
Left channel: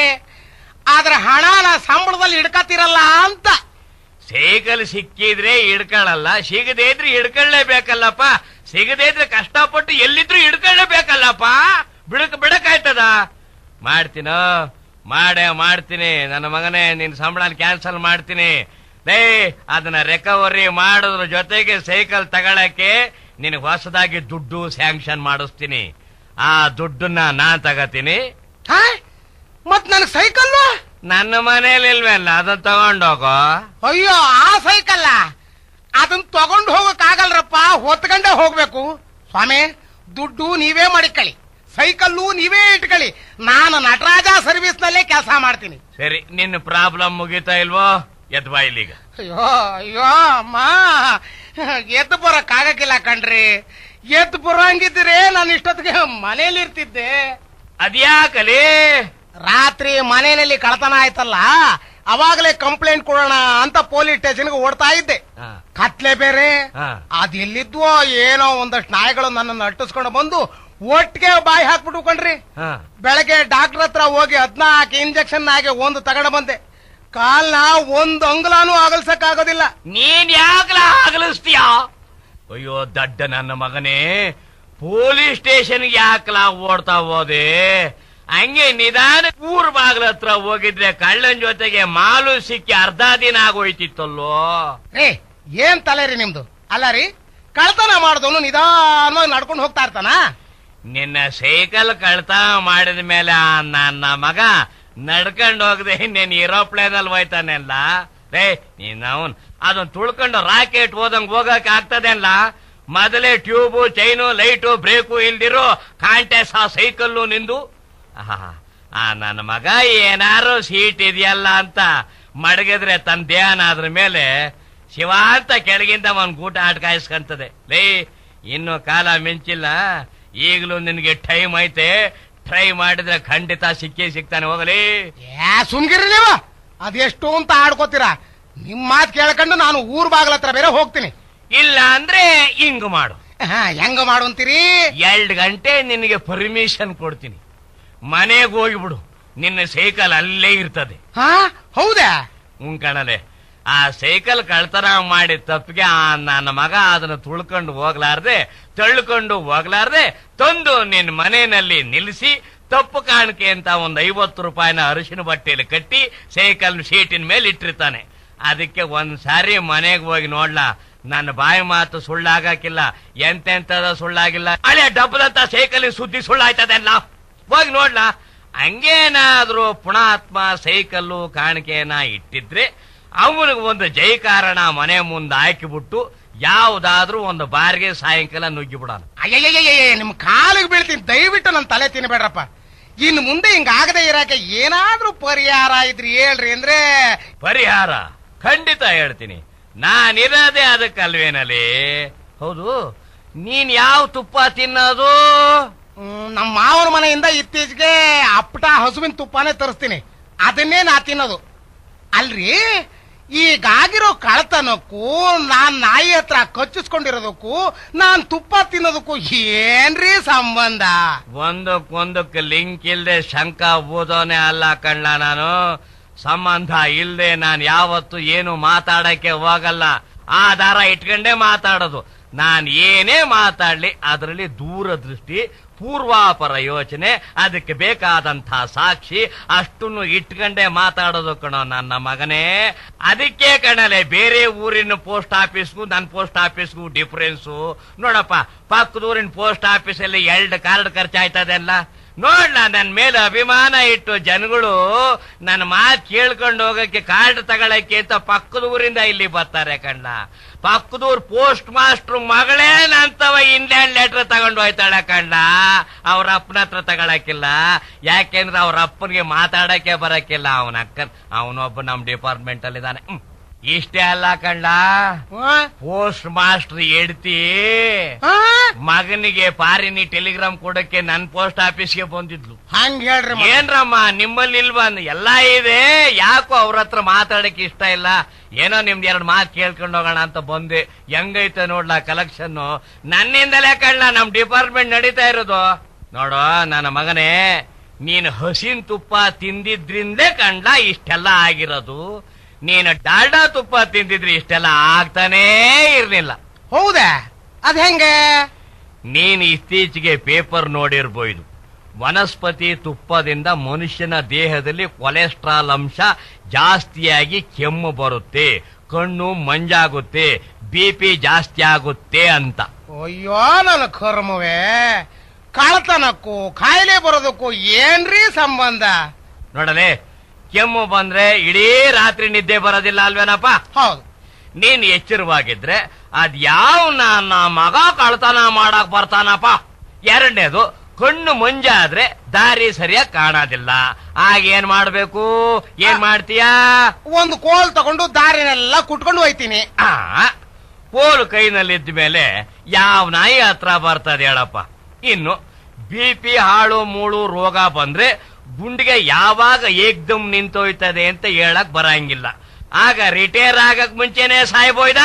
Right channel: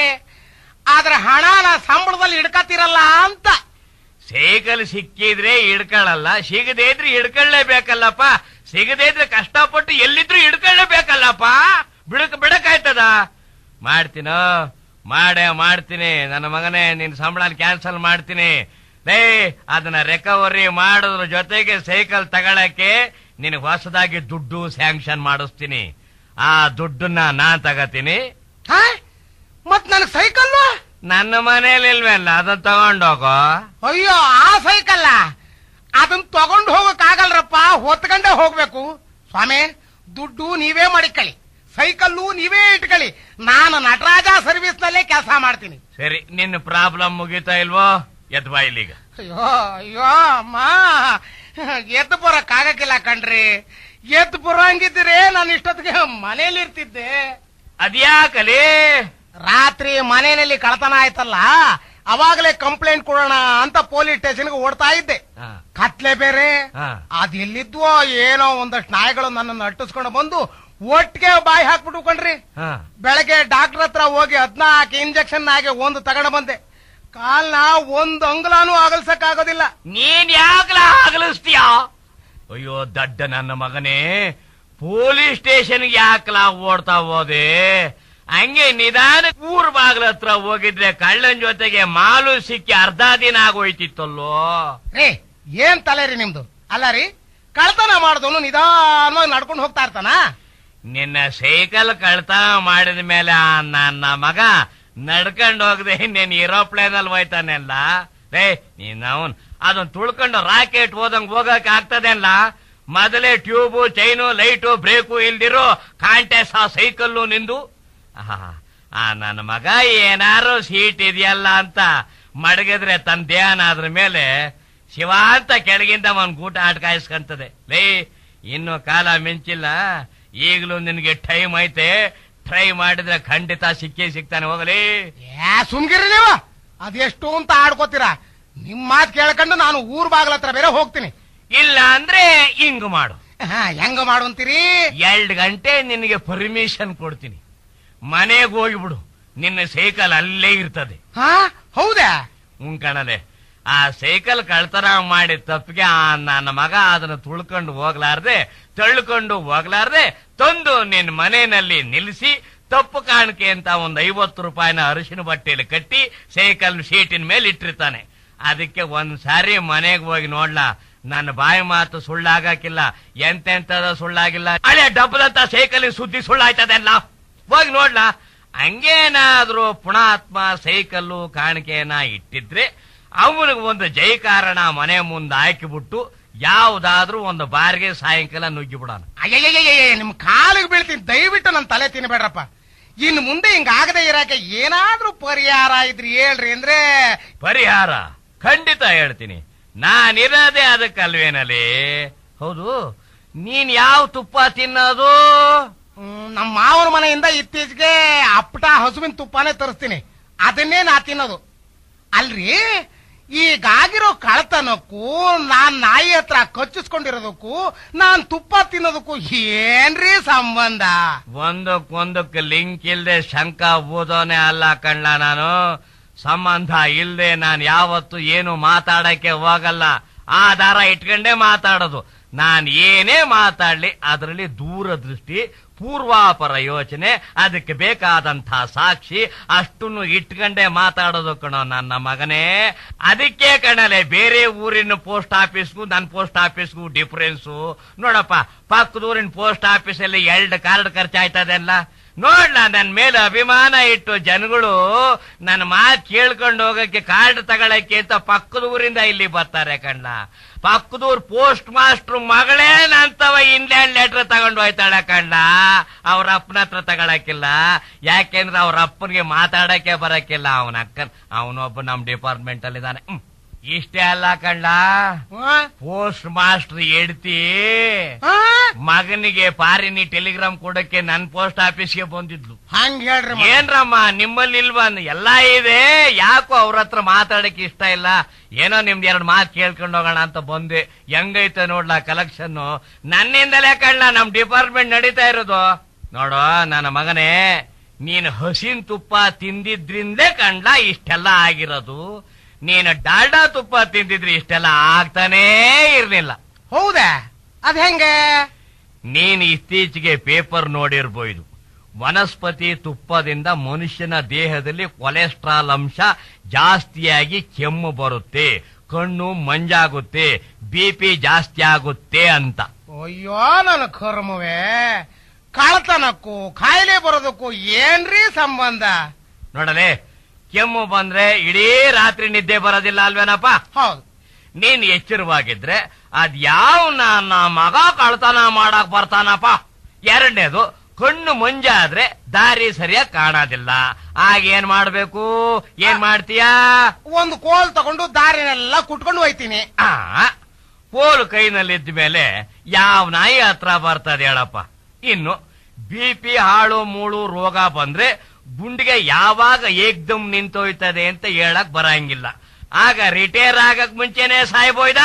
ಆದ್ರ ಹಣನ ಸಂಬಳದಲ್ಲಿ ಹಿಡ್ಕತಿರಲ್ಲ ಅಂತ. ಸೈಕಲ್ ಸಿಕ್ಕಿದ್ರೆ ಹಿಡ್ಕೊಳ್ಳಲ್ಲ, ಸಿಗದೇ ಇದ್ರೆ ಹಿಡ್ಕೊಳ್ಳೇಬೇಕಲ್ಲಪ್ಪ. ಸಿಗದೇ ಇದ್ರೆ ಕಷ್ಟಪಟ್ಟು ಎಲ್ಲಿದ್ರು ಹಿಡ್ಕೊಳ್ಳೇಬೇಕಲ್ಲಪ್ಪ. ಬಿಡಕಾಯ್ತದ? ಮಾಡ್ತೀನಿ ನನ್ನ ಮಗನೇ. ನಿನ್ ಸಂಬಳ ಕ್ಯಾನ್ಸಲ್ ಮಾಡ್ತೀನಿ. ಅದನ್ನ ರಿಕವರಿ ಮಾಡೋದ್ರ ಜೊತೆಗೆ ಸೈಕಲ್ ತಗೊಳಕ್ಕೆ ನಿನಗೆ ಹೊಸದಾಗಿ ದುಡ್ಡು ಸ್ಯಾಂಕ್ಷನ್ ಮಾಡಿಸ್ತೀನಿ. ಆ ದುಡ್ಡನ್ನ ನಾನ್ ತಗತೀನಿ. ಮತ್ ನನ್ ಸೈಕಲ್ ನನ್ನ ಮನೇಲಿ ಇಲ್ವಲ್ಲ, ಅದನ್ನ ತಗೊಂಡೋಗೋ. ಅಯ್ಯೋ, ಆ ಸೈಕಲ್ ಅದನ್ನ ತಗೊಂಡು ಹೋಗಕ್ಕಾಗಲ್ರಪ್ಪ, ಹೊತ್ಕೊಂಡೇ ಹೋಗ್ಬೇಕು. ಸ್ವಾಮಿ, ದುಡ್ಡು ನೀವೇ ಮಾಡಿಕೊಳ್ಳಿ, ಸೈಕಲ್ಲು ನೀವೇ ಇಟ್ಕೊಳ್ಳಿ. ನಾನು ನಟರಾಜ ಸರ್ವಿಸ್ ನಲ್ಲೇ ಕೆಲಸ ಮಾಡ್ತೀನಿ. ಸರಿ, ನಿನ್ನ ಪ್ರಾಬ್ಲಮ್ ಮುಗಿತಾ ಇಲ್ವೋ? ಎದ್ ಬಾ ಇಲ್ಲಿಗ. ಅಯ್ಯೋ ಅಮ್ಮ, ಎದ್ದು ಬರಕ್ಕಾಗಕ್ಕಿಲ್ಲ ಕಣ್ರಿ. ಎದ್ದು ಬರಂಗಿದ್ರೆ ನಾನು ಇಷ್ಟೊತ್ತಿಗೆ ಮನೇಲಿ ಇರ್ತಿದ್ದೆ. ಅದ್ಯಾಕಲಿ? ರಾತ್ರಿ ಮನೆಯಲ್ಲಿ ಕಳ್ತನ ಆಯ್ತಲ್ಲ, ಅವಾಗಲೇ ಕಂಪ್ಲೇಂಟ್ ಕೊಡೋಣ ಅಂತ ಪೊಲೀಸ್ ಸ್ಟೇಷನ್ಗೆ ಓಡ್ತಾ ಇದ್ದೆ. ಕತ್ಲೆ ಬೇರೆ. ಅದೆಲ್ಲಿದ್ವೋ ಏನೋ ಒಂದಷ್ಟು ನಾಯಿಗಳು ನನ್ನನ್ನು ಅಟ್ಟಿಸ್ಕೊಂಡು ಬಂದು ಒಟ್ಟಿಗೆ ಬಾಯಿ ಹಾಕ್ಬಿಟ್ಟು ಕಣ್ರಿ. ಬೆಳಗ್ಗೆ ಡಾಕ್ಟರ್ ಹತ್ರ ಹೋಗಿ 14 ಇಂಜೆಕ್ಷನ್ ಆಗಿ ಒಂದು ತಗೊಂಡು ಬಂದೆ. ಕಾಲ್ನ ಒಂದು ಅಂಗುಲಾನು ಅಗಲ್ಸಕ್ಕಾಗೋದಿಲ್ಲ. ನೀನ್ ಯಾಕಲ ಅಗಲಿಸ್ತೀಯ? ಅಯ್ಯೋ ದಡ್ಡ ನನ್ನ ಮಗನೇ, ಪೊಲೀಸ್ ಸ್ಟೇಷನ್ಗೆ ಯಾಕಲ ಓಡ್ತಾ ಹೋದೆ? ಹಂಗೆ ನಿಧಾನ ಊರ್ ಬಾಗ್ಲ ಹತ್ರ ಹೋಗಿದ್ರೆ ಕಳ್ಳನ್ ಜೊತೆಗೆ ಮಾಲು ಸಿಕ್ಕಿ ಅರ್ಧ ದಿನ ಆಗೋಯ್ತಿತ್ತಲ್ಲೋ. ಏನ್ ತಲೆ ರೀ ನಿಮ್ದು? ಅಲ್ಲ ರೀ, ಕಳ್ತನ ಮಾಡಿದವನು ನಿಧಾನವಾಗಿ ನಡ್ಕೊಂಡು ಹೋಗ್ತಾ ಇರ್ತಾನ? ನಿನ್ನ ಸೈಕಲ್ ಕಳ್ತನ ಮಾಡಿದ ಮೇಲೆ ನನ್ನ ಮಗ ನಡ್ಕೊಂಡು ಹೋಗದೆ ನೀನ್ ಏರೋಪ್ಲೇನ್ ಅಲ್ಲಿ ಹೋಯ್ತಾನೆಲ್ಲ. ನೀನ್ ಅವನ್ ಅದನ್ನ ತುಳ್ಕೊಂಡು ರಾಕೆಟ್ ಹೋದಂಗ್ ಹೋಗಕ್ ಆಗ್ತದೆಲ್ಲ? ಮೊದಲೇ ಟ್ಯೂಬು, ಚೈನು, ಲೈಟು, ಬ್ರೇಕು ಇಲ್ದಿರೋ ಕಾಂಟೆಸ್ ಆ ಸೈಕಲ್ಲು ನಿಂದು. ನನ್ನ ಮಗ ಏನಾರು ಸೀಟ್ ಇದೆಯಲ್ಲ ಅಂತ ಮಡಗಿದ್ರೆ ತನ್ನ ದೇಹನ ಅದ್ರ ಮೇಲೆ ಶಿವ ಅಂತ ಕೆಳಗಿಂದ ಒಂದ್ ಗೂಟ ಆಟ್ಕಾಯಿಸ್ಕಂತದೆ. ಇನ್ನು ಕಾಲ ಮಿಂಚಿಲ್ಲ, ಈಗಲೂ ನಿನ್ಗೆ ಟೈಮ್ ಐತೆ. ಟ್ರೈ ಮಾಡಿದ್ರೆ ಖಂಡಿತ ಸಿಗ್ತಾನೆ. ಹೋಗಲಿ. ಸುಮ್ಗಿರಿ ನೀವು, ಅದೆಷ್ಟು ಅಂತ ಆಡ್ಕೋತೀರಾ? ನಿಮ್ ಮಾತು ಕೇಳ್ಕೊಂಡು ನಾನು ಊರ್ ಬಾಗ್ಲ ಹತ್ರ ಬೇರೆ ಹೋಗ್ತೀನಿ. ಇಲ್ಲ ಅಂದ್ರೆ ಹಿಂಗ್ ಮಾಡು. ಹೆಂಗ ಮಾಡು ಅಂತೀರಿ? 2 ಗಂಟೆ ನಿನಗೆ ಪರ್ಮಿಷನ್ ಕೊಡ್ತೀನಿ. ಮನೆಗೆ ಹೋಗಿಬಿಡು, ನಿನ್ನ ಸೈಕಲ್ ಅಲ್ಲೇ ಇರ್ತದೆ. ಹೌದಾ? ಕಣಲೆ. ಆ ಸೈಕಲ್ ಕಳ್ತನ ಮಾಡಿ ತಪ್ಪಿಗೆ ನನ್ನ ಮಗ ಅದನ್ನ ತುಳ್ಕೊಂಡು ಹೋಗ್ಲಾರ್ದೆ ತಂದು ನಿನ್ ಮನೆಯಲ್ಲಿ ನಿಲ್ಲಿಸಿ ತಪ್ಪು ಕಾಣಿಕೆ ಅಂತ ಒಂದು 50 ರೂಪಾಯಿನ ಅರಿಶಿನ ಬಟ್ಟೆಯಲ್ಲಿ ಕಟ್ಟಿ ಸೈಕಲ್ ಶೀಟಿನ ಮೇಲೆ ಇಟ್ಟಿರ್ತಾನೆ. ಅದಕ್ಕೆ ಒಂದ್ ಸಾರಿ ಮನೆಗೆ ಹೋಗಿ ನೋಡ್ಲಾ, ನನ್ನ ಬಾಯಿ ಮಾತು ಸುಳ್ಳಾಗಕ್ಕಿಲ್ಲ, ಎಂತೆಂತದ ಸುಳ್ಳಾಗಿಲ್ಲ. ಹಳೆ ಡಬ್ಬದಂತ ಸೈಕಲ್ ಸುದ್ದಿ ಸುಳ್ಳಾಯ್ತದೆಲ್ಲ. ಹೋಗಿ ನೋಡ್ಲಾ. ಹಂಗೇನಾದ್ರೂ ಪುಣಾತ್ಮ ಸೈಕಲ್ಲು ಕಾಣಿಕೆಯನ್ನ ಇಟ್ಟಿದ್ರೆ ಅವನಿಗೆ ಒಂದು ಜೈಕಾರಣ ಮನೆ ಮುಂದೆ ಹಾಕಿಬಿಟ್ಟು ಯಾವ್ದಾದ್ರೂ ಒಂದು ಬಾರಿಗೆ ಸಾಯಂಕಾಲ ನುಗ್ಗಿ ಬಿಡೋಣ. ಅಯ್ಯಯ್ಯಯ್ಯ, ನಿಮ್ ಕಾಲಿಗೆ ಬೀಳ್ತೀನಿ, ದಯವಿಟ್ಟು ನನ್ನ ತಲೆ ತಿನ್ಬೇಡ್ರಪ್ಪ. ಇನ್ನು ಮುಂದೆ ಹಿಂಗಾಗದೆ ಇರಾಕೆ ಏನಾದ್ರೂ ಪರಿಹಾರ ಇದ್ರಿ ಹೇಳ್ರಿ. ಅಂದ್ರೆ ಪರಿಹಾರ ಖಂಡಿತ ಹೇಳ್ತೀನಿ. ನಾನಿರೋದೇ ಅದಕ್ಕಲ್ವೇನಲ್ಲಿ. ಹೌದು, ನೀನ್ ಯಾವ ತುಪ್ಪ ತಿನ್ನೋದು? ನಮ್ಮ ಮಾವನ ಮನೆಯಿಂದ ಇತ್ತೀಚೆಗೆ ಅಪ್ಪಟ ಹಸುವಿನ ತುಪ್ಪನೇ ತರಿಸ್ತೀನಿ, ಅದನ್ನೇ ನಾ ತಿನ್ನೋದು. ಅಲ್ರಿ, ಈಗಾಗಿರೋ ಕಳತನಕ್ಕೂ ನಾನ್ ನಾಯಿ ಹತ್ರ ಕಚ್ಚಿಸ್ಕೊಂಡಿರೋದಕ್ಕೂ ನಾನ್ ತುಪ್ಪ ತಿನ್ನೋದಕ್ಕೂ ಏನ್ರಿ ಸಂಬಂಧ? ಒಂದಕ್ಕೊಂದಕ್ಕೆ ಲಿಂಕ್ ಇಲ್ದೆ ಶಂಕ ಓದೋನೆ ಅಲ್ಲ ಕಣ್ಣ ನಾನು. ಸಂಬಂಧ ಇಲ್ದೆ ನಾನು ಯಾವತ್ತು ಏನು ಮಾತಾಡಕ್ಕೆ ಹೋಗಲ್ಲ, ಆಧಾರ ಇಟ್ಕೊಂಡೇ ಮಾತಾಡೋದು. ನಾನ್ ಏನೇ ಮಾತಾಡ್ಲಿ ಅದರಲ್ಲಿ ದೂರದೃಷ್ಟಿ, ಪೂರ್ವಾಪರ ಯೋಚನೆ, ಅದಕ್ಕೆ ಬೇಕಾದಂತ ಸಾಕ್ಷಿ ಅಷ್ಟನ್ನು ಇಟ್ಕೊಂಡೇ ಮಾತಾಡೋದು ಕಣೋ ನನ್ನ ಮಗನೇ. ಅದಕ್ಕೆ ಕಣಲೆ ಬೇರೆ ಊರಿನ ಪೋಸ್ಟ್ ಆಫೀಸ್ಗೂ ನನ್ನ ಪೋಸ್ಟ್ ಆಫೀಸ್ಗೂ ಡಿಫರೆನ್ಸು. ನೋಡಪ್ಪ, ಪಕ್ಕದೂರಿನ ಪೋಸ್ಟ್ ಆಫೀಸಲ್ಲಿ 2 ಕಾರ್ಡ್ ಖರ್ಚಾಯ್ತದೆಲ್ಲ. ನೋಡ್ಲಾ, ನನ್ ಮೇಲೆ ಅಭಿಮಾನ ಇಟ್ಟು ಜನಗಳು ನನ್ನ ಮಾತು ಕೇಳ್ಕೊಂಡು ಹೋಗಕ್ಕೆ ಕಾರ್ಡ್ ತಗೊಳಕ್ಕೆ ಅಂತ ಪಕ್ಕದ ಊರಿಂದ ಇಲ್ಲಿ ಬರ್ತಾರೆ ಕಣ್ಣ. ಪಕ್ಕದೂರ್ ಪೋಸ್ಟ್ ಮಾಸ್ಟರ್ ಮಗಳೇ ನಂತವ ಇಂಡಿಯನ್ ಲೆಟರ್ ತಗೊಂಡು ಹೋಯ್ತಾಳೆ ಕಣ್ಣ. ಅವ್ರ ಅಪ್ಪನ ಹತ್ರ ತಗೊಳಕಿಲ್ಲ, ಯಾಕೆಂದ್ರೆ ಅವ್ರ ಅಪ್ಪನಿಗೆ ಮಾತಾಡಕ್ಕೆ ಬರಕ್ಕಿಲ್ಲ. ಅವನ ಅಕ್ಕ ಅವನೊಬ್ಬ ನಮ್ ಡಿಪಾರ್ಟ್ಮೆಂಟ್ ಅಲ್ಲಿ ಇದ್ದಾನೆ. ಇಷ್ಟೇ ಅಲ್ಲ ಕಣ್ಣ, ಪೋಸ್ಟ್ ಮಾಸ್ಟರ್ ಹೆಡ್ತಿ ಮಗನಿಗೆ ಪಾರಿನಿ ಟೆಲಿಗ್ರಾಮ್ ಕೊಡಕ್ಕೆ ನನ್ ಪೋಸ್ಟ್ ಆಫೀಸ್ಗೆ ಬಂದಿದ್ಲು. ಹಂಗ ಹೇಳ್ರಿ. ಏನ್ರಮ್ಮ ನಿಮ್ಮಲ್ಲಿ ಇಲ್ವಾ? ಎಲ್ಲ ಇದೆ, ಯಾಕೋ ಅವ್ರ ಹತ್ರ ಮಾತಾಡಕ್ಕೆ ಇಷ್ಟ ಇಲ್ಲ. ಏನೋ ನಿಮ್ದು 2 ಮಾತು ಕೇಳ್ಕೊಂಡು ಹೋಗೋಣ ಅಂತ ಬಂದೆ. ಹೆಂಗೈತೆ ನೋಡ್ಲಾ ಕಲೆಕ್ಷನ್. ನನ್ನಿಂದಲೇ ಕಣ್ಣ ನಮ್ ಡಿಪಾರ್ಟ್ಮೆಂಟ್ ನಡೀತಾ ಇರೋದು. ನೋಡು ನನ್ನ ಮಗನೇ, ನೀನು ಹಸಿನ್ ತುಪ್ಪ ತಿಂದಿದ್ರಿಂದೇ ಕಂಡ್ಲ ಇಷ್ಟೆಲ್ಲ ಆಗಿರೋದು. ನೀನು ಡಾಲ್ಡಾ ತುಪ್ಪ ತಿಂದಿದ್ರಿ ಇಷ್ಟೆಲ್ಲ ಆಗ್ತಾನೇ ಇರ್ಲಿಲ್ಲ. ಹೌದಾ? ಅದ್ ಹೆಂಗ? ನೀನು ಇತ್ತೀಚೆಗೆ ಪೇಪರ್ ನೋಡಿರ್ಬೋದು. ವನಸ್ಪತಿ ತುಪ್ಪದಿಂದ ಮನುಷ್ಯನ ದೇಹದಲ್ಲಿ ಕೊಲೆಸ್ಟ್ರಾಲ್ ಅಂಶ ಜಾಸ್ತಿಯಾಗಿ ಕೆಮ್ಮು ಬರುತ್ತೆ, ಕಣ್ಣು ಮಂಜಾಗುತ್ತೆ, BP ಜಾಸ್ತಿ ಆಗುತ್ತೆ ಅಂತ. ಅಯ್ಯೋ ನನ್ನ ಕರ್ಮವೇ, ಕಳತನಕ್ಕೂ ಕಾಯಿಲೆ ಬರೋದಕ್ಕೂ ಏನ್ರೀ ಸಂಬಂಧ? ನೋಡಲೇ, ಕೆಮ್ಮು ಬಂದ್ರೆ ಇಡೀ ರಾತ್ರಿ ನಿದ್ದೆ ಬರೋದಿಲ್ಲ ಅಲ್ವೇನಪ್ಪ? ಹೌದು. ನೀನ್ ಎಚ್ಚರವಾಗಿದ್ರೆ ಅದ್ಯಾವ ನನ್ನ ಮಗ ಕಳ್ತನ ಮಾಡಕ್ ಬರ್ತಾನಪ್ಪ. 2ನೇದು, ಕಣ್ಣು ಮಂಜಾದ್ರೆ ದಾರಿ ಸರಿಯಾಗಿ ಕಾಣೋದಿಲ್ಲ. ಆಗೇನ್ ಮಾಡ್ಬೇಕು? ಏನ್ ಮಾಡ್ತೀಯಾ? ಒಂದು ಕೋಲ್ ತಗೊಂಡು ದಾರಿನೆಲ್ಲ ಕುಟ್ಕೊಂಡು ಹೋಯ್ತೀನಿ. ಕೋಲು ಕೈನಲ್ಲಿದ್ದ ಮೇಲೆ ಯಾವ ನಾಯಿ ಹತ್ರ ಬರ್ತದೆ ಹೇಳಪ್ಪ? ಇನ್ನು BP ಹಾಳು ಮೂಳು ರೋಗ ಬಂದ್ರೆ ಗುಂಡಿಗೆ ಯಾವಾಗ ಏಕ್ದಮ್ ನಿಂತೋಯ್ತದೆ ಅಂತ ಹೇಳಕ್ ಬರಂಗಿಲ್ಲ. ಆಗ ರಿಟೈರ್ ಆಗಕ್ ಮುಂಚೆನೆ ಸಾಯ್ಬೋಯ್ದ.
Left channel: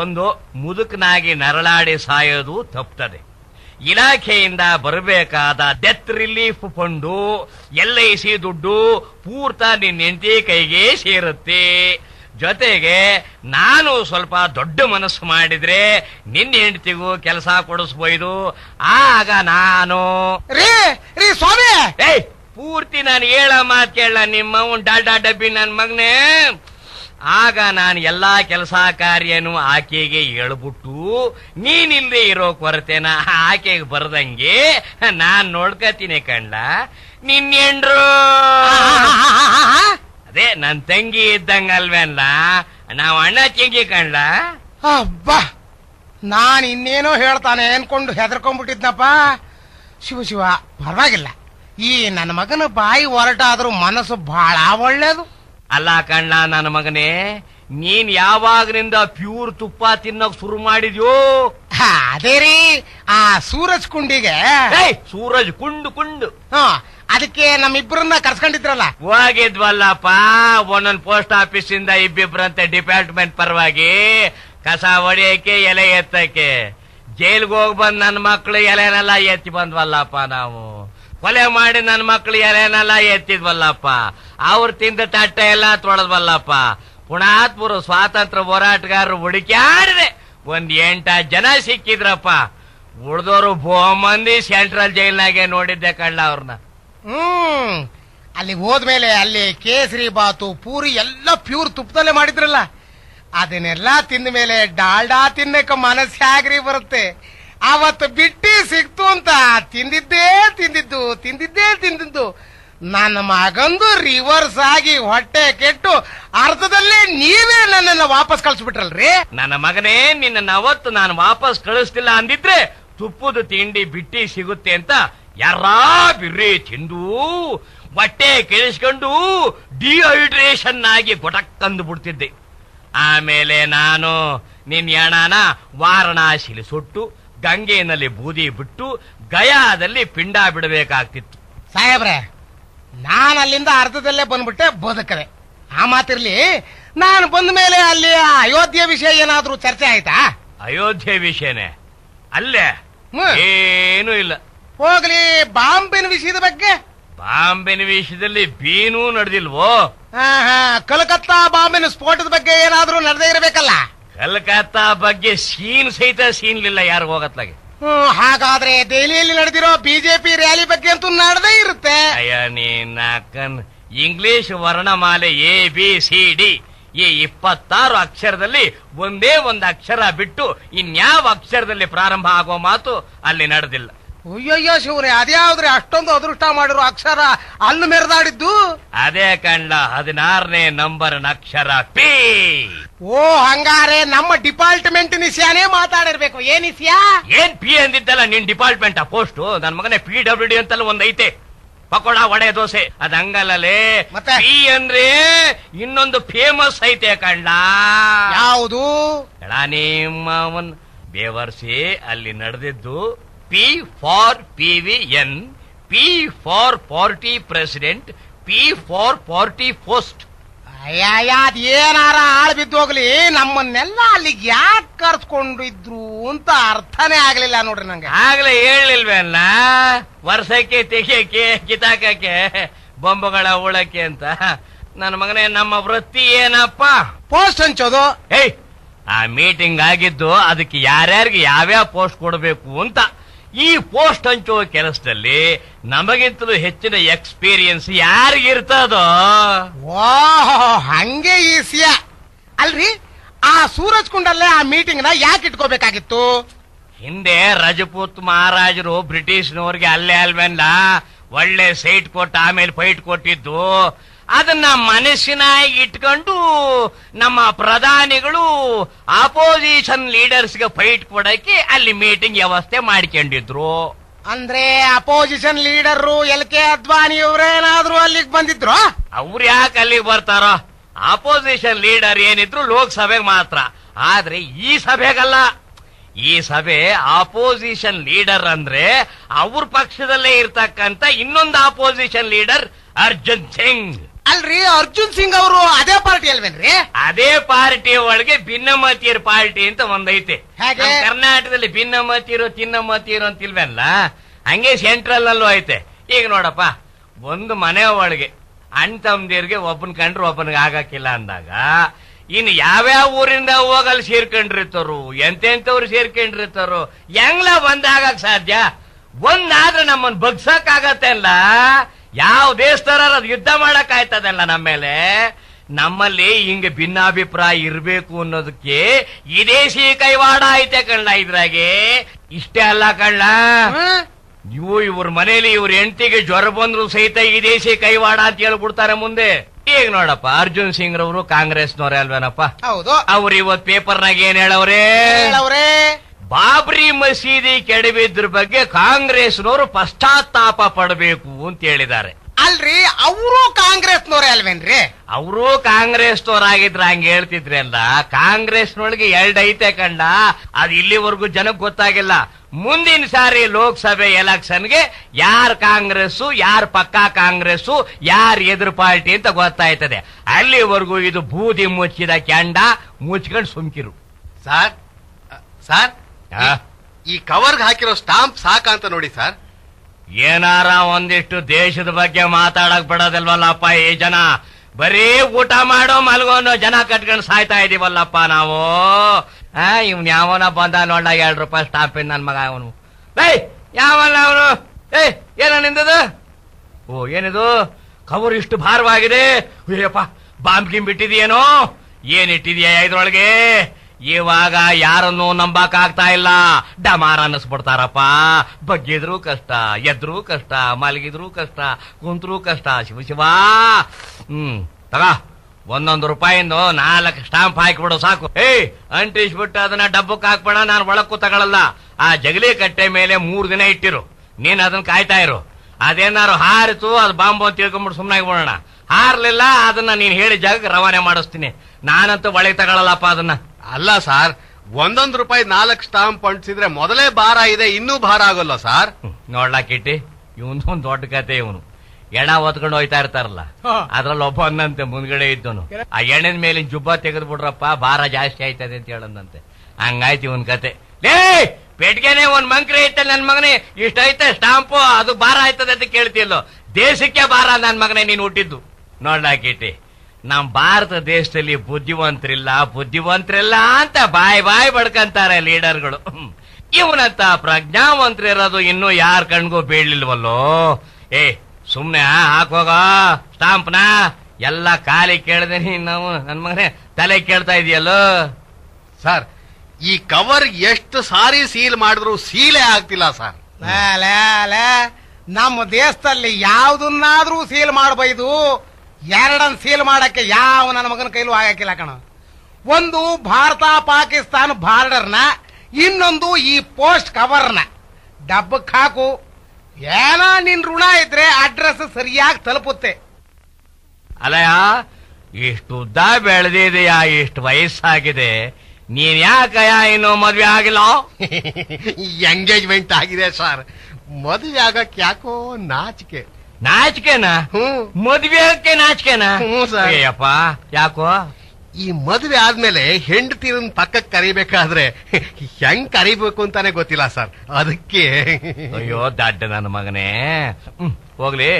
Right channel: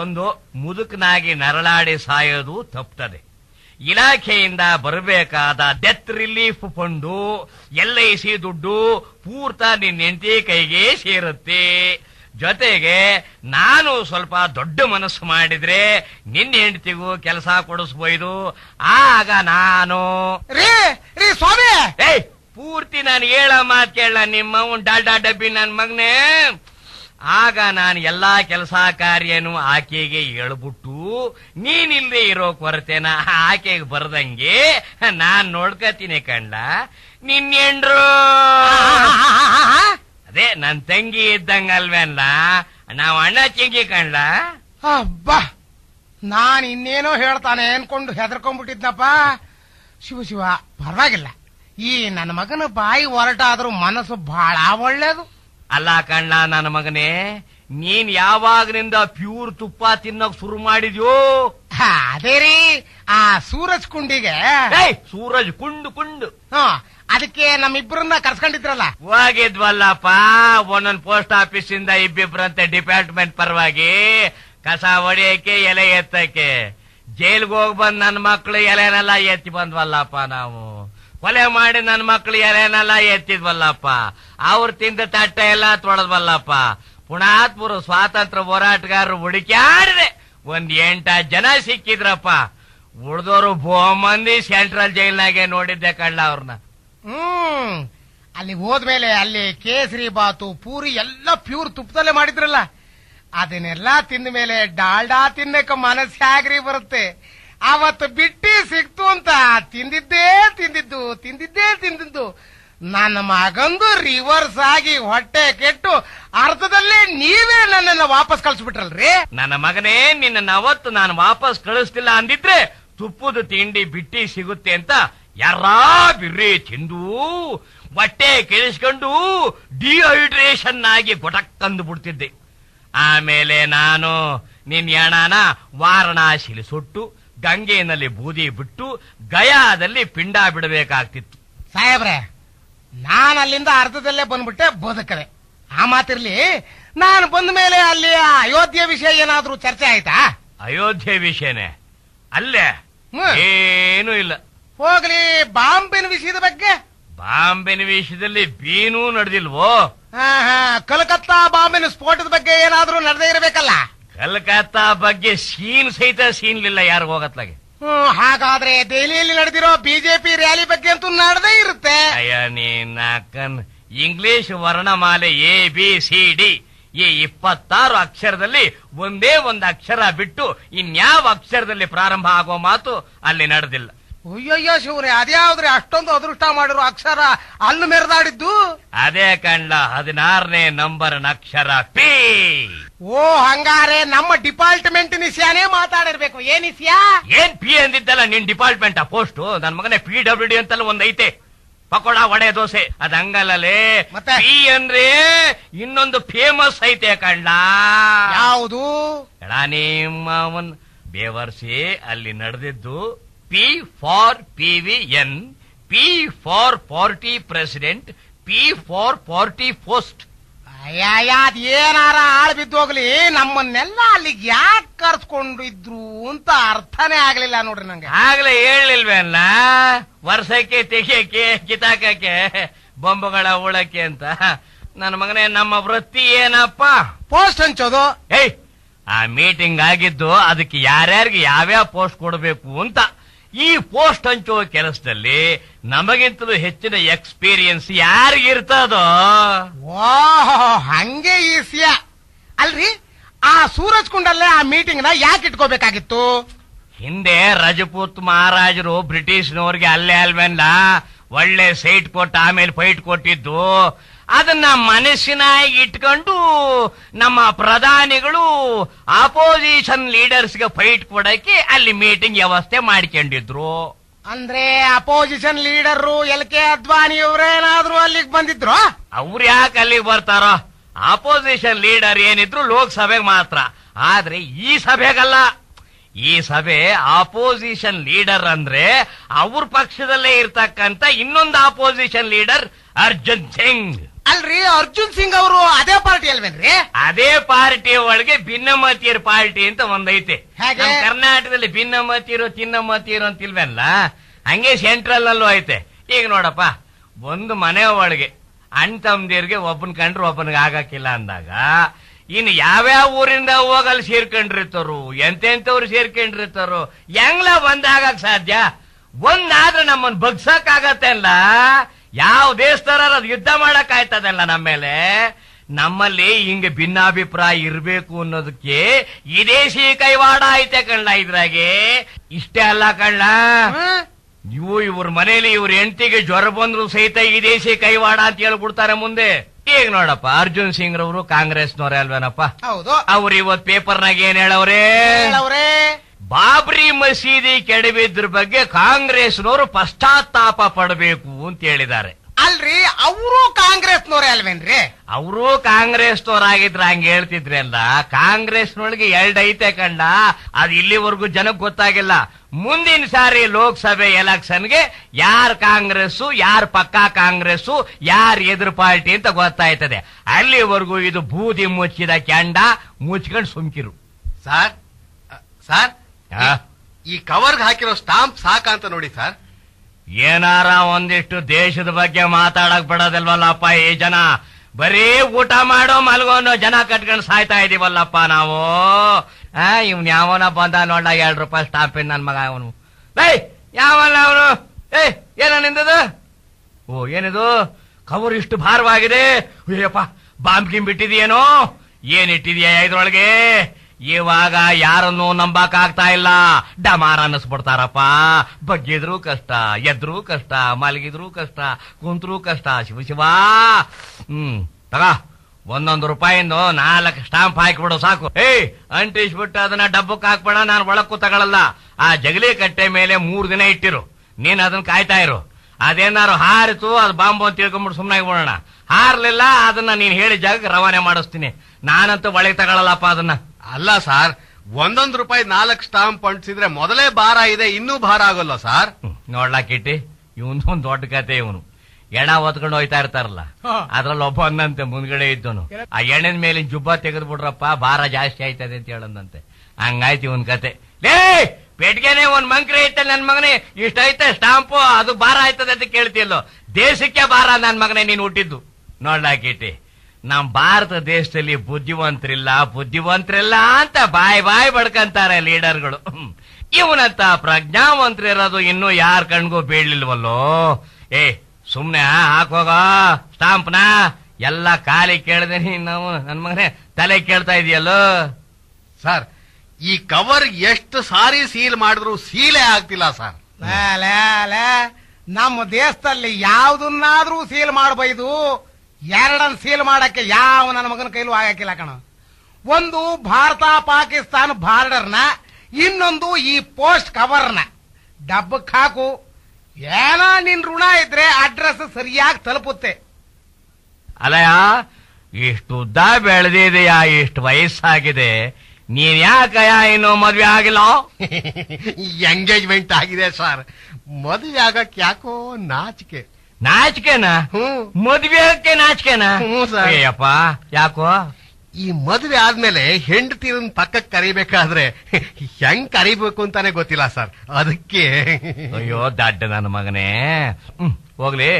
ಒಂದು ಮುದುಕನಾಗಿ ನರಳಾಡಿ ಸಾಯೋದು ತಪ್ತದೆ. ಇಲಾಖೆಯಿಂದ ಬರಬೇಕಾದ ಡೆತ್ ರಿಲೀಫ್ ಫಂಡು, LIC ದುಡ್ಡು ಪೂರ್ತ ನಿನ್ನ ಹೆಂಡತಿ ಕೈಗೆ ಸೇರುತ್ತೆ. ಜೊತೆಗೆ ನಾನು ಸ್ವಲ್ಪ ದೊಡ್ಡ ಮನಸ್ಸು ಮಾಡಿದ್ರೆ ನಿನ್ನ ಹೆಂಡತಿಗೂ ಕೆಲಸ ಕೊಡಿಸ್ಬೋದು. ಆಗ ನಾನು ಸ್ವಾಮಿ ಪೂರ್ತಿ ನಾನು ಹೇಳ ಮಾತು ಕೇಳ ನಿಮ್ಮ ಡಾಲ್ಡಾ ಡಬ್ಬಿ ನನ್ ಮಗನೇ. ಆಗ ನಾನು ಎಲ್ಲಾ ಕೆಲಸ ಕಾರ್ಯನು ಆಕೆಗೆ ಹೇಳ್ಬಿಟ್ಟು ನೀನಿಲ್ಲದೆ ಇರೋ ಕೊರತೆನ ಆಕೆಗೆ ಬರ್ದಂಗೆ ನಾನ್ ನೋಡ್ಕತೀನಿ ಕಂಡ. ನಿನ್ನೆಂಡ್ರು ಅದೇ ನನ್ ತಂಗಿ ಇದ್ದಂಗಲ್ವೇನ್ಲ, ನಾವ್ ಅಣ್ಣ ತಂಗಿ ಕಂಡ. ಅಬ್ಬಾ, ನಾನ್ ಇನ್ನೇನೋ ಹೇಳ್ತಾನೆ ಅನ್ಕೊಂಡು ಹೆದರ್ಕೊಂಡ್ಬಿಟ್ಟಿದ್ನಪ್ಪ. ಶಿವ ಪರವಾಗಿಲ್ಲ, ಈ ನನ್ನ ಮಗನ ಬಾಯಿ ಹೊರಟಾದ್ರೂ ಮನಸ್ಸು ಬಹಳ ಒಳ್ಳೇದು. ಅಲ್ಲ ಕಣ್ಣ ನನ್ನ ಮಗನೇ, ನೀನ್ ಯಾವಾಗ್ರಿಂದ ಪ್ಯೂರ್ ತುಪ್ಪ ತಿನ್ನಕ್ ಶುರು ಮಾಡಿದ್ಯೋ? ಅದೇ ರೀ, ಆ ಸೂರಜ್ ಕುಂಡಿಗೆ. ಸೂರಜ್ ಕುಂಡು ಅದಕ್ಕೆ ನಮ್ಮಿಬ್ಬರನ್ನ ಕರ್ಸ್ಕೊಂಡಿದ್ರಲ್ಲ. ಹೋಗಿದ್ವಲ್ಲಪ್ಪ, ಒಂದೊಂದು ಪೋಸ್ಟ್ ಆಫೀಸ್ ಇಂದ ಇಬ್ಬಿಬ್ರಂತೆ ಡಿಪಾರ್ಟ್ಮೆಂಟ್ ಪರವಾಗಿ ಕಸ ಹೊಡೆಯಕ್ಕೆ, ಎಲೆ ಎತ್ತಕ್ಕೆ. ಜೈಲ್ಗೆ ಹೋಗಿ ಬಂದ್ ನನ್ನ ಮಕ್ಳು ಎಲೆನೆಲ್ಲ ಎತ್ತಿ ಬಂದ್ವಲ್ಲಪ್ಪ. ನಾವು ಕೊಲೆ ಮಾಡಿ ನನ್ನ ಮಕ್ಳು ಎಲೆನೆಲ್ಲ ಎತ್ತಿದ್ವಲ್ಲಪ್ಪ. ಅವ್ರು ತಿಂದ ತಟ್ಟೆ ಎಲ್ಲ ತೊಳೆದ್ವಲ್ಲಪ್ಪ. ಪುಣಾತ್ಮರು ಸ್ವಾತಂತ್ರ್ಯ ಹೋರಾಟಗಾರರು ಹುಡುಕ್ಯಾಡ್ರೆ 8 ಜನ ಸಿಕ್ಕಿದ್ರಪ್ಪ. ಉಳ್ದೋರು ಬಹುಮಂದಿ ಸೆಂಟ್ರಲ್ ಜೈಲ್ನಾಗೆ ನೋಡಿದ್ದೆ ಕಳ್ಳ ಅವ್ರನ್ನ. ಅಲ್ಲಿ ಹೋದ್ಮೇಲೆ ಅಲ್ಲಿ ಕೇಸರಿ ಬಾತು ಪೂರಿ ಎಲ್ಲ ಪ್ಯೂರ್ ತುಪ್ಪದಲ್ಲೇ ಮಾಡಿದ್ರಲ್ಲ, ಅದನ್ನೆಲ್ಲ ತಿಂದ ಮೇಲೆ ಡಾಲ್ಡಾ ತಿನ್ನಕ ಮನಸ್ಸು ಹೇಗ್ರಿ ಬರುತ್ತೆ? ಅವತ್ತು ಬಿಟ್ಟಿ ಸಿಕ್ತು ಅಂತ ತಿಂದಿದ್ದು ನನ್ನ ಮಗಂದು ರಿವರ್ಸ್ ಆಗಿ ಹೊಟ್ಟೆ ಕೆಟ್ಟು ಅರ್ಧದಲ್ಲೇ ನೀವೇ ನನ್ನನ್ನ ವಾಪಸ್ ಕಳಿಸ್ಬಿಟ್ರಲ್ರಿ. ನನ್ನ ಮಗನೇ, ನಿನ್ನ ಅವತ್ತು ನಾನು ವಾಪಸ್ ಕಳಿಸ್ತಿಲ್ಲ ಅಂದಿದ್ರೆ ತುಪ್ಪದ ತಿಂಡಿ ಬಿಟ್ಟಿ ಸಿಗುತ್ತೆ ಅಂತ ಯಾರಾ ಬಿರ್ರಿ ತಿಂದು ಹೊಟ್ಟೆ ಕೇಳಿಸ್ಕೊಂಡು ಡಿಹೈಡ್ರೇಷನ್ ಆಗಿ ಗೊಟಕ್ ತಂದು ಬಿಡ್ತಿದ್ದೆ. ಆಮೇಲೆ ನಾನು ನಿನ್ ಹೆಣನ ವಾರಣಾಸಿಲಿ ಸುಟ್ಟು ಗಂಗೆನಲ್ಲಿ ಬೂದಿ ಬಿಟ್ಟು ಗಯಾದಲ್ಲಿ ಪಿಂಡ ಬಿಡಬೇಕಾಗ್ತಿತ್ತು. ಸಾಹೇಬ್ರೆ, ನಾನು ಅಲ್ಲಿಂದ ಅರ್ಧದಲ್ಲೇ ಬಂದ್ಬಿಟ್ಟೆ, ಬದುಕದೆ. ಆ ಮಾತಿರ್ಲಿ, ನಾನು ಬಂದ ಮೇಲೆ ಅಲ್ಲಿ ಅಯೋಧ್ಯೆ ವಿಷಯ ಏನಾದ್ರೂ ಚರ್ಚೆ ಆಯ್ತಾ? ಅಯೋಧ್ಯೆ ವಿಷಯನೇ ಅಲ್ಲೇ ಏನೂ ಇಲ್ಲ. ಹೋಗ್ಲಿ, ಬಾಂಬಿನ ವಿಷಯದ ಬಗ್ಗೆ? ಬಾಂಬಿನ ವಿಷಯದಲ್ಲಿ ಬೀನೂ ನಡೆದಿಲ್ವೋ? ಕಲ್ಕತ್ತಾ ಬಾಂಬಿನ ಸ್ಫೋಟದ ಬಗ್ಗೆ ಏನಾದ್ರೂ ನಡೆದೇ ಇರಬೇಕಲ್ಲ? ಕಲ್ಕತ್ತಾ ಬಗ್ಗೆ ಸೀನ್ ಸಹಿತ ಸೀನ್ಲಿಲ್ಲ ಯಾರು ಹೋಗತ್ಲಾಗೆ. ಹಾಗಾದ್ರೆ ದೆಹಲಿಯಲ್ಲಿ ನಡೆದಿರೋ ಬಿಜೆಪಿ ರ್ಯಾಲಿ ಬಗ್ಗೆ ಅಂತೂ ನಡೆದೇ ಇರುತ್ತೆ. ಅಯ್ಯ ನೀನ್ ಇಂಗ್ಲಿಷ್ ವರ್ಣಮಾಲೆ ABCD ಈ 26 ಅಕ್ಷರದಲ್ಲಿ ಒಂದೇ ಒಂದು ಅಕ್ಷರ ಬಿಟ್ಟು ಇನ್ಯಾವ ಅಕ್ಷರದಲ್ಲಿ ಪ್ರಾರಂಭ ಆಗೋ ಮಾತು ಅಲ್ಲಿ ನಡೆದಿಲ್ಲ. ಅಯ್ಯಯ್ಯ ಶಿವ್ರೆ, ಅದ್ಯಾವ್ದ್ರೆ ಅಷ್ಟೊಂದು ಅದೃಷ್ಟ ಮಾಡಿರೋ ಅಕ್ಷರ ಅಲ್ಲಿ ಮೆರೆದಾಡಿದ್ದು? ಅದೇ ಕಂಡ 16ನೇ ನಂಬರ್ ಅಕ್ಷರ P. ಓ, ಹಂಗಾರೆ ನಮ್ಮ ಡಿಪಾರ್ಟ್ಮೆಂಟ್ ನಿಸ್ಯಾನೇ ಮಾತಾಡಿರ್ಬೇಕು. ಏನಿಸ್ಯಾ? ಏನ್ P ಅಂದಿದ್ದಲ್ಲ ನಿನ್ ಡಿಪಾರ್ಟ್ಮೆಂಟ್ ಪೋಸ್ಟ್? ನನ್ ಮಗನೇ PWD ಅಂತಲ್ಲ ಒಂದೈತೆ, ಪಕೋಡ ವಡೆ ದೋಸೆ. ಅದ್ ಹಂಗಲ್ಲೇ. ಮತ್ತೆ P ಅಂದ್ರೆ ಇನ್ನೊಂದು ಫೇಮಸ್ ಐತೆ ಕಂಡ. ಯಾವುದು? ನಿಮ್ಮ ಬೇವರ್ಸಿ ಅಲ್ಲಿ ನಡೆದಿದ್ದು P for PVN, P for party president, P for party post. ಅಯ್ಯ, ಅದೇನಾರ ಆಳ್ ಬಿದ್ದೋಗ್ಲಿ, ನಮ್ಮನ್ನೆಲ್ಲ ಅಲ್ಲಿಗೆ ಯಾಕೆ ಕರ್ಸ್ಕೊಂಡು ಇದ್ರು ಅಂತ ಅರ್ಥನೇ ಆಗ್ಲಿಲ್ಲ ನೋಡ್ರಿ ನಂಗೆ. ಆಗ್ಲೇ ಹೇಳಿಲ್ವೇನ, ವರ್ಷಕ್ಕೆ ತೆಗಿಯಕ್ಕೆ ಕಿತಾಕಕ್ಕೆ ಬೊಂಬುಗಳ ಉಳಕ್ಕೆ ಅಂತ. ನನ್ನ ಮಗನೇ, ನಮ್ಮ ವೃತ್ತಿ ಏನಪ್ಪ? ಪೋಸ್ಟ್ ಹಂಚೋದು. ಏಯ್, ಆ ಮೀಟಿಂಗ್ ಆಗಿದ್ದು ಅದಕ್ಕೆ ಯಾರ್ಯಾರಿಗೆ ಯಾವ್ಯಾವ ಪೋಸ್ಟ್ ಕೊಡಬೇಕು ಅಂತ. ಈ ಪೋಸ್ಟ್ ಹಂಚುವ ಕೆಲಸದಲ್ಲಿ ನಮಗಿಂತಲೂ ಹೆಚ್ಚಿನ ಎಕ್ಸ್ಪೀರಿಯನ್ಸ್ ಯಾರಿಗಿರ್ತದೋ? ವಾಹ್, ಹಂಗೆ ಈಸಿಯ ಅಲ್ರಿ. ಆ ಸೂರಜ್ ಕುಂಡಲ್ಲೇ ಆ ಮೀಟಿಂಗ್ ನ ಯಾಕೆ ಇಟ್ಕೋಬೇಕಾಗಿತ್ತು? ಹಿಂದೆ ರಜಪೂತ್ ಮಹಾರಾಜರು ಬ್ರಿಟಿಷ್ನವ್ರಿಗೆ ಅಲ್ಲೇ ಅಲ್ವೇನ್ಲ ಒಳ್ಳೆ ಸೈಟ್ ಕೊಟ್ಟು ಆಮೇಲೆ ಫೈಟ್ ಕೊಟ್ಟಿದ್ದು. ಅದನ್ನ ಮನಸ್ಸಿನಾಗಿ ಇಟ್ಕೊಂಡು ನಮ್ಮ ಪ್ರಧಾನಿಗಳು ಆಪೋಸಿಷನ್ ಲೀಡರ್ಸ್ಗೆ ಫೈಟ್ ಕೊಡಕ್ಕೆ ಅಲ್ಲಿ ಮೀಟಿಂಗ್ ವ್ಯವಸ್ಥೆ ಮಾಡಿಕೊಂಡಿದ್ರು. ಅಂದ್ರೆ ಅಪೋಸಿಷನ್ ಲೀಡರ್ LK ಅದ್ವಾನಿ ಅವರೇನಾದ್ರೂ ಅಲ್ಲಿಗೆ ಬಂದಿದ್ರು? ಅವ್ರು ಯಾಕೆ ಅಲ್ಲಿಗೆ ಬರ್ತಾರೋ? ಆಪೋಸಿಷನ್ ಲೀಡರ್ ಏನಿದ್ರು ಲೋಕಸಭೆಗೆ ಮಾತ್ರ, ಆದ್ರೆ ಈ ಸಭೆಗಲ್ಲ. ಈ ಸಭೆ ಆಪೋಸಿಷನ್ ಲೀಡರ್ ಅಂದ್ರೆ ಅವ್ರ ಪಕ್ಷದಲ್ಲೇ ಇರ್ತಕ್ಕಂತ ಇನ್ನೊಂದು ಆಪೋಸಿಷನ್ ಲೀಡರ್ ಅರ್ಜುನ್ ಸಿಂಗ್. ಅಲ್ರಿ, ಅರ್ಜುನ್ ಸಿಂಗ್ ಅವರು ಅದೇ ಪಾರ್ಟಿ ಅಲ್ವೇನ್ರಿ? ಅದೇ ಪಾರ್ಟಿ ಒಳಗೆ ಭಿನ್ನಮತೀಯರ ಪಾರ್ಟಿ ಅಂತ ಒಂದೈತೆ. ಹಾಗೆ ನಮ್ಮ ಕರ್ನಾಟಕದಲ್ಲಿ ಭಿನ್ನಮತೀಯರು ತಿನ್ನಮತೀಯರು ಅಂತಿಲ್ವಲ್ಲ, ಹಂಗೆ ಸೆಂಟ್ರಲ್ ನಲ್ಲೂ ಐತೆ. ಈಗ ನೋಡಪ್ಪ, ಒಂದು ಮನೆ ಒಳಗೆ ಅಣ್ಣ ತಮ್ಮದಿರ್ಗೆ ಒಬ್ಬನ್ ಕಂಡ್ರು ಒಬ್ಬನಿಗೆ ಆಗಕ್ಕಿಲ್ಲ ಅಂದಾಗ ಇನ್ನು ಯಾವ್ಯಾವ ಊರಿಂದ ಹೋಗಲ್ಲಿ ಸೇರ್ಕೊಂಡಿರ್ತಾರು, ಎಂತೆಂತವ್ರು ಸೇರ್ಕೊಂಡಿರ್ತಾರೋ, ಹೆಂಗ್ಲ ಬಂದಾಗಕ್ ಸಾಧ್ಯ? ಒಂದಾದ್ರೆ ನಮ್ಮನ್ ಬಗ್ಸಕ್ ಆಗತ್ತೆ ಅಲ್ಲ. ಯಾವ ದೇಶದರ ಯುದ್ಧ ಮಾಡಕ್ ಆಯ್ತದಲ್ಲ ನಮ್ಮ ಮೇಲೆ. ನಮ್ಮಲ್ಲಿ ಹಿಂಗೆ ಭಿನ್ನಾಭಿಪ್ರಾಯ ಇರ್ಬೇಕು ಅನ್ನೋದಕ್ಕೆ ವಿದೇಶಿ ಕೈವಾಡ ಐತೆ ಕಳ್ಳ ಇದ್ರಾಗೆ. ಇಷ್ಟೇ ಅಲ್ಲ ಕಳ್ಳ, ಇವ್ರ ಮನೇಲಿ ಇವ್ರ ಹೆಂಡತಿಗೆ ಜ್ವರ ಬಂದ್ರು ಸಹಿತ ವಿದೇಶಿ ಕೈವಾಡ ಅಂತ ಹೇಳ್ಬಿಡ್ತಾರೆ ಮುಂದೆ. ಈಗ ನೋಡಪ್ಪ, ಅರ್ಜುನ್ ಸಿಂಗ್ ರವರು ಕಾಂಗ್ರೆಸ್ನವ್ರೆ ಅಲ್ವೇನಪ್ಪ? ಹೌದು. ಅವ್ರು ಇವತ್ ಪೇಪರ್ನಾಗ ಏನ್ ಹೇಳವ್ರೆ? ಬಾಬ್ರಿ ಮಸೀದಿ ಕೆಡವಿದ್ರ ಬಗ್ಗೆ ಕಾಂಗ್ರೆಸ್ನವರು ಪಶ್ಚಾತ್ತಾಪ ಪಡಬೇಕು ಅಂತ ಹೇಳಿದ್ದಾರೆ. ಅಲ್ರಿ, ಅವರು ಕಾಂಗ್ರೆಸ್ನವರೇ ಅಲ್ವೇನ್ರಿ? ಅವರು ಕಾಂಗ್ರೆಸ್ನವರಾಗಿದ್ರ ಹಂಗೆ ಹೇಳ್ತಿದ್ರಲ್ಲ. ಕಾಂಗ್ರೆಸ್ನೊಳಗೆ 2 ಐತೆ ಕಂಡ, ಅದು ಇಲ್ಲಿವರೆಗೂ ಜನಕ್ಕೆ ಗೊತ್ತಾಗಿಲ್ಲ. ಮುಂದಿನ ಸಾರಿ ಲೋಕಸಭೆ ಎಲೆಕ್ಷನ್ಗೆ ಯಾರ್ ಕಾಂಗ್ರೆಸ್, ಯಾರ್ ಪಕ್ಕಾ ಕಾಂಗ್ರೆಸ್, ಯಾರ್ ಎದುರು ಪಾರ್ಟಿ ಅಂತ ಗೊತ್ತಾಯ್ತದೆ. ಅಲ್ಲಿವರೆಗೂ ಇದು ಬೂದಿ ಮುಚ್ಚಿದ ಕೆಂಡ, ಮುಚ್ಕೊಂಡು ಸುಮ್ಕಿರು. ಸಾರ್, ಈ ಕವರ್ಗೆ ಹಾಕಿರೋ ಸ್ಟಾಂಪ್ ಸಾಕಂತ ನೋಡಿ ಸರ್. ಏನಾರ ಒಂದಿಷ್ಟು ದೇಶದ ಬಗ್ಗೆ ಮಾತಾಡಕ್ ಬಿಡೋದಿಲ್ವಲ್ಲಪ್ಪ ಈ ಜನ. ಬರೀ ಊಟ ಮಾಡೋ ಮಲ್ಗೋನು ಜನ ಕಟ್ಕೊಂಡು ಸಾಯ್ತಾ ಇದೀವಲ್ಲಪ್ಪ ನಾವು. ಇವ್ನು ಯಾವನ ಬಂದ ನೋಡ ₹2 ಸ್ಟಾಂಪಿನ ನನ್ ಮಗ ಅವನು. ಯಾವಲ್ಲ ಅವನು? ಏನ ನಿಂದದ? ಓ, ಏನಿದು ಕವರ್ ಇಷ್ಟು ಭಾರವಾಗಿದೆ? ಅಯ್ಯಪ್ಪ, ಬಾಂಬ್ ಗಿಂಬ್ ಬಿಟ್ಟಿದೆಯೇನೋ? ಏನಿಟ್ಟಿದ್ಯಾ ಇದ್ರೊಳಗೆ? ಇವಾಗ ಯಾರನ್ನೂ ನಂಬಕ್ ಆಗ್ತಾ ಇಲ್ಲ. ಡಮಾರ ಅನ್ನಿಸ್ಬಿಡ್ತಾರಪ್ಪ. ಬಗ್ಗಿದ್ರು ಕಷ್ಟ, ಎದ್ರು ಕಷ್ಟ, ಮಲಗಿದ್ರು ಕಷ್ಟ, ಕುಂತ್ರು ಕಷ್ಟ. ಶಿವ ತಗ, ₹1 4 ಸ್ಟಾಂಪ್ ಹಾಕಿಬಿಡು ಸಾಕು. ಅಂಟಿಸ್ಬಿಟ್ಟು ಅದನ್ನ ಡಬ್ಬಕ್ಕೆ ಹಾಕ್ಬೇಡ, ನಾನು ಒಳಕ್ಕೂ ತಗೊಳಲ್ಲ. ಆ ಜಗಲಿ ಕಟ್ಟೆ ಮೇಲೆ 3 ದಿನ ಇಟ್ಟಿರು, ನೀನ್ ಅದನ್ನ ಕಾಯ್ತಾ ಇರು. ಅದೇನಾರು ಹಾರಿತು ಅದು ಬಾಂಬು ಅಂತ ತಿಳ್ಕೊಂಡ್ಬಿಟ್ಟು ಸುಮ್ಮನೆ ಬಿಡೋಣ. ಹಾರ್ಲಿಲ್ಲ ಅದನ್ನ ನೀನ್ ಹೇಳಿದ ಜಾಗಕ್ಕೆ ರವಾನೆ ಮಾಡಿಸ್ತೀನಿ. ನಾನಂತೂ ಒಳಗೆ ತಗೊಳ್ಳಲ್ಲಪ್ಪ ಅದನ್ನ. ಅಲ್ಲ ಸಾರ್, ₹1 4 ಸ್ಟಾಂಪ್ ಅಂಟಿಸಿದ್ರೆ ಮೊದಲೇ ಭಾರ ಇದೆ, ಇನ್ನೂ ಭಾರ ಆಗೋಲ್ಲ ಸಾರ್. ನೋಡ್ಲಾಕಿಟ್ಟಿ, ಇವನು ಒಂದು ದೊಡ್ಡ ಕತೆ. ಇವನು ಎಣ ಹೊತ್ಕೊಂಡು ಹೋಯ್ತಾ ಇರ್ತಾರಲ್ಲ, ಅದ್ರಲ್ಲಿ ಒಬ್ಬ ಅನ್ನಂತೆ ಮುಂದ್ಗಡೆ ಇದ್ದವನು, ಆ ಎಣ್ಣದ ಮೇಲೆ ಜುಬ್ಬ ತೆಗೆದು ಬಿಡ್ರಪ್ಪ ಭಾರ ಜಾಸ್ತಿ ಆಯ್ತದೆ ಅಂತ ಹೇಳಂದಂತೆ. ಹಂಗಾಯ್ತು ಇವನ್ ಕತೆ. ಲೇ ಪೆಟ್ಗೆನೆ ಒಂದ್ ಮಂಕ್ರಿ ಐತೆ ನನ್ ಮಗನೇ, ಇಷ್ಟ ಐತೆ ಸ್ಟಾಂಪು, ಅದು ಭಾರ ಆಯ್ತದೆ ಅಂತ ಕೇಳ್ತಿಯಲ್ಲೋ. ದೇಶಕ್ಕೆ ಭಾರ ನನ್ ಮಗನೇ ನೀನ್ ಹುಟ್ಟಿದ್ದು. ನೋಡ್ಲಾಕಿಟ್ಟಿ, ನಮ್ ಭಾರತ ದೇಶದಲ್ಲಿ ಬುದ್ಧಿವಂತರಿಲ್ಲ ಅಂತ ಬಾಯಿ ಬಡ್ಕಂತಾರೆ ಲೀಡರ್ಗಳು. ಇವನಂತ ಪ್ರಜ್ಞಾವಂತರಿರೋದು ಇನ್ನೂ ಯಾರ ಕಣ್ಗೂ ಬೀಳ್ಲಿಲ್ವಲ್ಲೋ. ಏ ಸುಮ್ನೆ ಹಾಕೋಗ ಸ್ಟಾಂಪ್ನ, ಎಲ್ಲ ಖಾಲಿ ಕೇಳ್ದೇನಿ ನಾವು. ನನ್ ಮಗನೇ ತಲೆ ಕೇಳ್ತಾ ಇದೆಯಲ್ಲೋ. ಸರ್, ಈ ಕವರ್ ಎಷ್ಟು ಸಾರಿ ಸೀಲ್ ಮಾಡಿದ್ರು ಸೀಲೇ ಆಗ್ತಿಲ್ಲ ಸರ್. ನಮ್ಮ ದೇಶದಲ್ಲಿ ಯಾವ್ದನ್ನಾದ್ರೂ ಸೀಲ್ ಮಾಡಬೈದು, ಎರಡನ್ ಸೀಲ್ ಮಾಡಕ್ಕೆ ಯಾವ ನನ್ನ ಮಗನ ಕೈಲೂ ಆಗಕ್ಕಿಲ್ಲ ಕಣ. ಒಂದು ಭಾರತ ಪಾಕಿಸ್ತಾನ ಬಾರ್ಡರ್ನ, ಇನ್ನೊಂದು ಈ ಪೋಸ್ಟ್ ಕವರ್ನ. ಡಬ್ಬಕ್ ಹಾಕು, ಏನ ನಿನ್ ಋಣ ಇದ್ರೆ ಅಡ್ರೆಸ್ ಸರಿಯಾಗಿ ತಲುಪುತ್ತೆ. ಅಲಯ, ಇಷ್ಟು ಉದ್ದ ಬೆಳೆದಿದೆಯಾ, ಇಷ್ಟು ವಯಸ್ಸಾಗಿದೆ, ನೀನ್ ಯಾಕಯ್ಯ ಇನ್ನೂ ಮದ್ವೆ ಆಗಿಲ್ಲ? ಎಂಗೇಜ್ಮೆಂಟ್ ಆಗಿದೆ ಸರ್, ಮದುವೆ ಆಗಕ್ಕೆ ಯಾಕೋ ನಾಚಿಕೆ. ನಾಚಿಕೆನಾ? ಮದ್ವೆ ಆಗಕ್ಕೆ ನಾಚಿಕೆನಾ? ಸರ್. ಅಪ್ಪ ಯಾಕೋ? ಈ ಮದುವೆ ಆದ್ಮೇಲೆ ಹೆಂಡತಿನ ಪಕ್ಕಕ್ಕೆ ಕರಿಬೇಕಾದ್ರೆ ಹೆಂಗ್ ಕರಿಬೇಕು ಅಂತಾನೆ ಗೊತ್ತಿಲ್ಲ ಸರ್, ಅದಕ್ಕೆ. ಅಯ್ಯೋ ದಡ್ಡ ನನ್ನ ಮಗನೇ. ಹೋಗ್ಲಿ,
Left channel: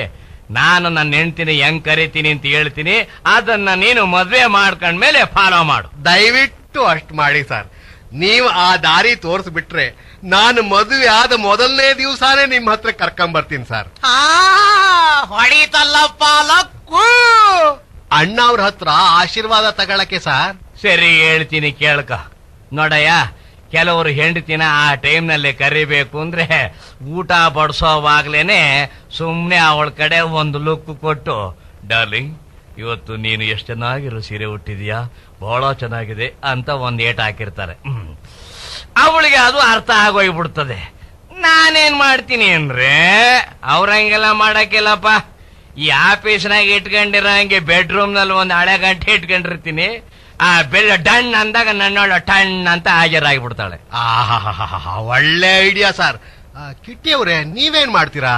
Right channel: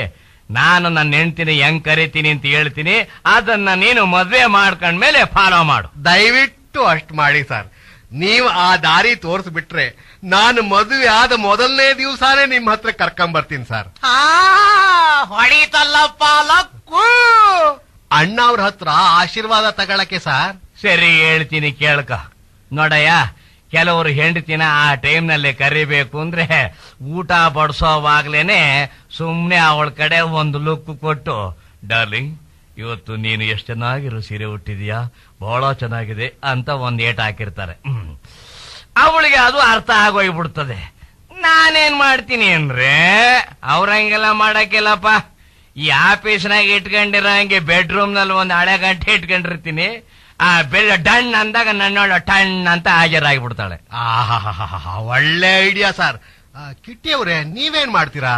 ನಾನು ನನ್ನ ಹೆಂಡತಿನ ಹೆಂಗ್ ಕರಿತೀನಿ ಅಂತ ಹೇಳ್ತೀನಿ, ಅದನ್ನ ನೀನು ಮದ್ವೆ ಮಾಡ್ಕೊಂಡ್ಮೇಲೆ ಫಾಲೋ ಮಾಡು. ದಯವಿಟ್ಟು ಅಷ್ಟ್ ಮಾಡಿ ಸರ್. ನೀವು ಆ ದಾರಿ ತೋರಿಸ್ಬಿಟ್ರೆ ನಾನು ಮದುವೆ ಆದ ಮೊದಲನೇ ದಿವಸನೇ ನಿಮ್ ಹತ್ರ ಕರ್ಕೊಂಬರ್ತೀನಿ ಸರ್. ಹೊಡಿತಲ್ಲಪ್ಪ ಲಕ್ಕು. ಅಣ್ಣ ಅವ್ರ ಹತ್ರ ಆಶೀರ್ವಾದ ತಗೊಳಕ್ಕೆ ಸರ್. ಸರಿ ಹೇಳ್ತೀನಿ ಕೇಳ್ಕ. ನೋಡಯ್ಯ, ಕೆಲವರು ಹೆಂಡತಿನ ಆ ಟೈಮ್ನಲ್ಲಿ ಕರಿಬೇಕು ಅಂದ್ರೆ ಊಟ ಬಡಿಸೋವಾಗ್ಲೇನೆ ಸುಮ್ನೆ ಅವಳ ಕಡೆ ಒಂದು ಲುಕ್ ಕೊಟ್ಟು, ಡಾರ್ಲಿಂಗ್ ಇವತ್ತು ನೀನು ಎಷ್ಟು ಚೆನ್ನಾಗಿರೋ ಸೀರೆ ಉಟ್ಟಿದ್ಯಾ, ಬಹಳ ಚೆನ್ನಾಗಿದೆ ಅಂತ ಒಂದ್ ಏಟ್ ಹಾಕಿರ್ತಾರೆ. ಅವಳಿಗೆ ಅದು ಅರ್ಥ ಆಗೋಗ್ಬಿಡ್ತದೆ. ನಾನೇನ್ ಮಾಡ್ತೀನಿ ಅಂದ್ರೆ ಅವ್ರಂಗೆಲ್ಲ ಮಾಡಕ್ಕಿಲ್ಲಪ್ಪ. ಈ ಆಫೀಸ್ನಾಗ ಇಟ್ಕೊಂಡಿರೋ ಹಂಗೆ ಬೆಡ್ರೂಮ್ ನಲ್ಲಿ ಒಂದು ಹಳೆ ಗಂಟೆ ಇಟ್ಕೊಂಡಿರ್ತೀನಿ. ಆ ಬೆಳ್ಳ ಡಣ್ ಅಂದಾಗ ನನ್ನೋಳ ಟಣ್ ಅಂತ ಹಾಜರಾಗಿಬಿಡ್ತಾಳೆ. ಒಳ್ಳೆ ಐಡಿಯಾ ಸರ್. ಕಿಟ್ಟಿ ಅವ್ರೆ, ನೀವೇನ್ ಮಾಡ್ತೀರಾ?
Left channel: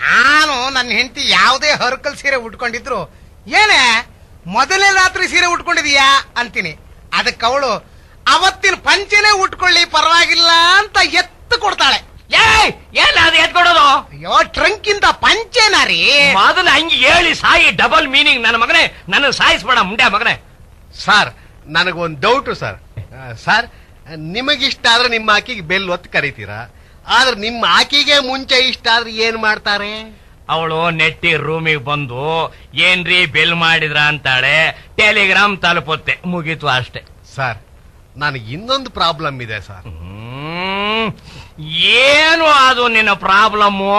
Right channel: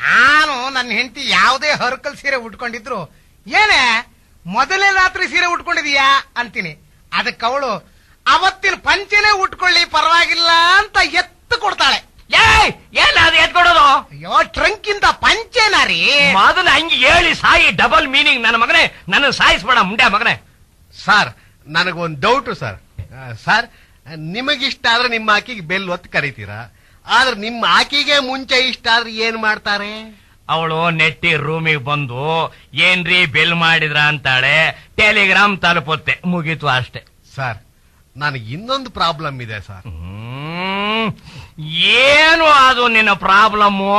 ನಾನು ನನ್ನ ಹೆಂಡತಿ ಯಾವುದೇ ಹರ್ಕಲ್ ಸೀರೆ ಉಟ್ಕೊಂಡಿದ್ರು, ಏನೇ ಮೊದಲನೇ ರಾತ್ರಿ ಸೀರೆ ಉಟ್ಕೊಂಡಿದೀಯಾ ಅಂತೀನಿ. ಅದಕ್ಕೆ ಅವಳು ಅವತ್ತಿನ ಪಂಚೆನೇ ಉಟ್ಕೊಳ್ಳಿ ಪರವಾಗಿಲ್ಲ ಅಂತ ಎತ್ತು ಕೊಡ್ತಾಳೆ. ಏನ್ ಅದು ಎತ್ಕೊಡೋದು? ಅಯ್ಯೋ, ಟ್ರಂಕಿಂದ ಪಂಚೆನ ರೀ. ಮೊದಲು ಹಂಗೆ ಹೇಳಿ ಸಾಯಿ, ಡಬಲ್ ಮೀನಿಂಗ್ ನನ್ನ ಮಗನೇ. ನನ್ನ ಸಾಯಿಸ್ಬೇಡ ಮುಂಡೆ ಮಗನೇ. ಸರ್, ನನಗೊಂದು ಡೌಟ್ ಸರ್. ಸರ್, ನಿಮಗಿಷ್ಟ ಆದ್ರೆ ನಿಮ್ಮ ಆಕಿಗೆ ಬೆಲ್ ಒತ್ತು ಕರೀತೀರಾ, ಆದ್ರೆ ನಿಮ್ಮ ಆಕಿಗೆ ಮುಂಚೆ ಇಷ್ಟ ಆದ್ರೆ ಏನ್ ಮಾಡ್ತಾರೆ? ಅವಳು ನೆಟ್ಟಿ ರೂಮಿಗೆ ಬಂದು ಏನ್ರಿ ಬೆಲ್ ಮಾಡಿದ್ರ ಅಂತಾಳೆ, ಟೆಲಿಗ್ರಾಮ್ ತಲುಪುತ್ತೆ, ಮುಗೀತು ಅಷ್ಟೇ. ಸರ್, ನನಗೆ ಇನ್ನೊಂದು ಪ್ರಾಬ್ಲಮ್ ಇದೆ ಸರ್. ಏನು ಅದು ನಿನ್ನ ಪ್ರಾಬ್ಲಮ್ಮು?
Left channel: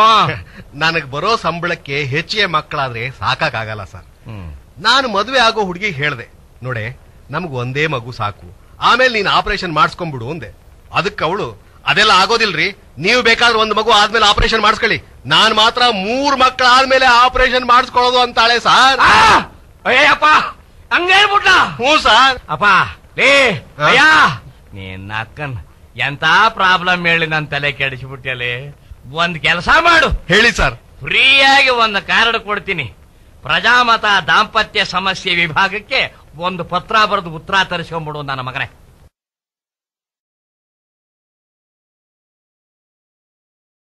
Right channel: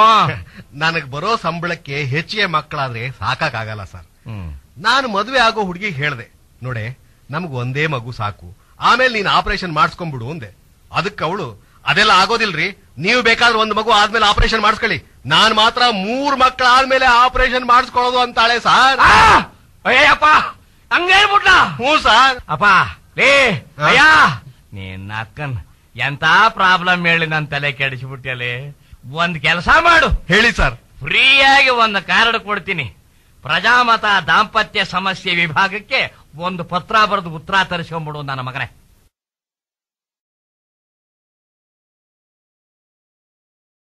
ನನಗ್ ಬರೋ ಸಂಬಳಕ್ಕೆ ಹೆಚ್ಚಿಗೆ ಮಕ್ಕಳಾದ್ರೆ ಸಾಕಾಗಲ್ಲ ಸರ್. ನಾನು ಮದುವೆ ಆಗೋ ಹುಡುಗಿ ಹೇಳ್ದೆ, ನೋಡೆ ನಮ್ಗ್ ಒಂದೇ ಮಗು ಸಾಕು, ಆಮೇಲೆ ನೀನ್ ಆಪರೇಷನ್ ಮಾಡಿಸ್ಕೊಂಡ್ಬಿಡು ಅಂದೆ. ಅದಕ್ಕೆ ಅವಳು, ಅದೆಲ್ಲ ಆಗೋದಿಲ್ರಿ, ನೀವು ಬೇಕಾದ್ರೆ ಒಂದು ಮಗು ಆದ್ಮೇಲೆ ಆಪರೇಷನ್ ಮಾಡಿಸ್ಕೊಳ್ಳಿ, ನಾನ್ ಮಾತ್ರ 3 ಮಕ್ಕಳ ಆದ್ಮೇಲೆ ಆಪರೇಷನ್ ಮಾಡಿಸ್ಕೊಳ್ಳೋದು ಅಂತಾಳೆ ಸರ್. ಅಯ್ಯಪ್ಪ, ಹಂಗೇಳ್ಬಿಟ್ಟ? ಹ್ಞೂ ಸರ್. ಅಪ್ಪ ಲೇ ಅಯ್ಯ, ನೀನ್ ಅಕ್ಕನ್ ಎಂತ ಪ್ರಾಬ್ಲಮ್ ಹೇಳಿ ನನ್ ತಲೆ ಕೆಡಿಸ್ಬಿಟ್ಟಲೆ. ಒಂದ್ ಕೆಲಸ ಮಾಡು. ಹೇಳಿ ಸರ್. ಫ್ರೀಯಾಗಿ ಒಂದು ಕಾರ್ಡ್ ಕೊಡ್ತೀನಿ. ಪ್ರಜಾಮತ ದಾಂಪತ್ಯ ಸಮಸ್ಯೆ ವಿಭಾಗಕ್ಕೆ ಒಂದು ಪತ್ರ ಬರೆದು ಉತ್ತರ ತರಿಸ್ಕೊಂಡ್ಬಿಡು ನನ್ನ ಮಗನೇ.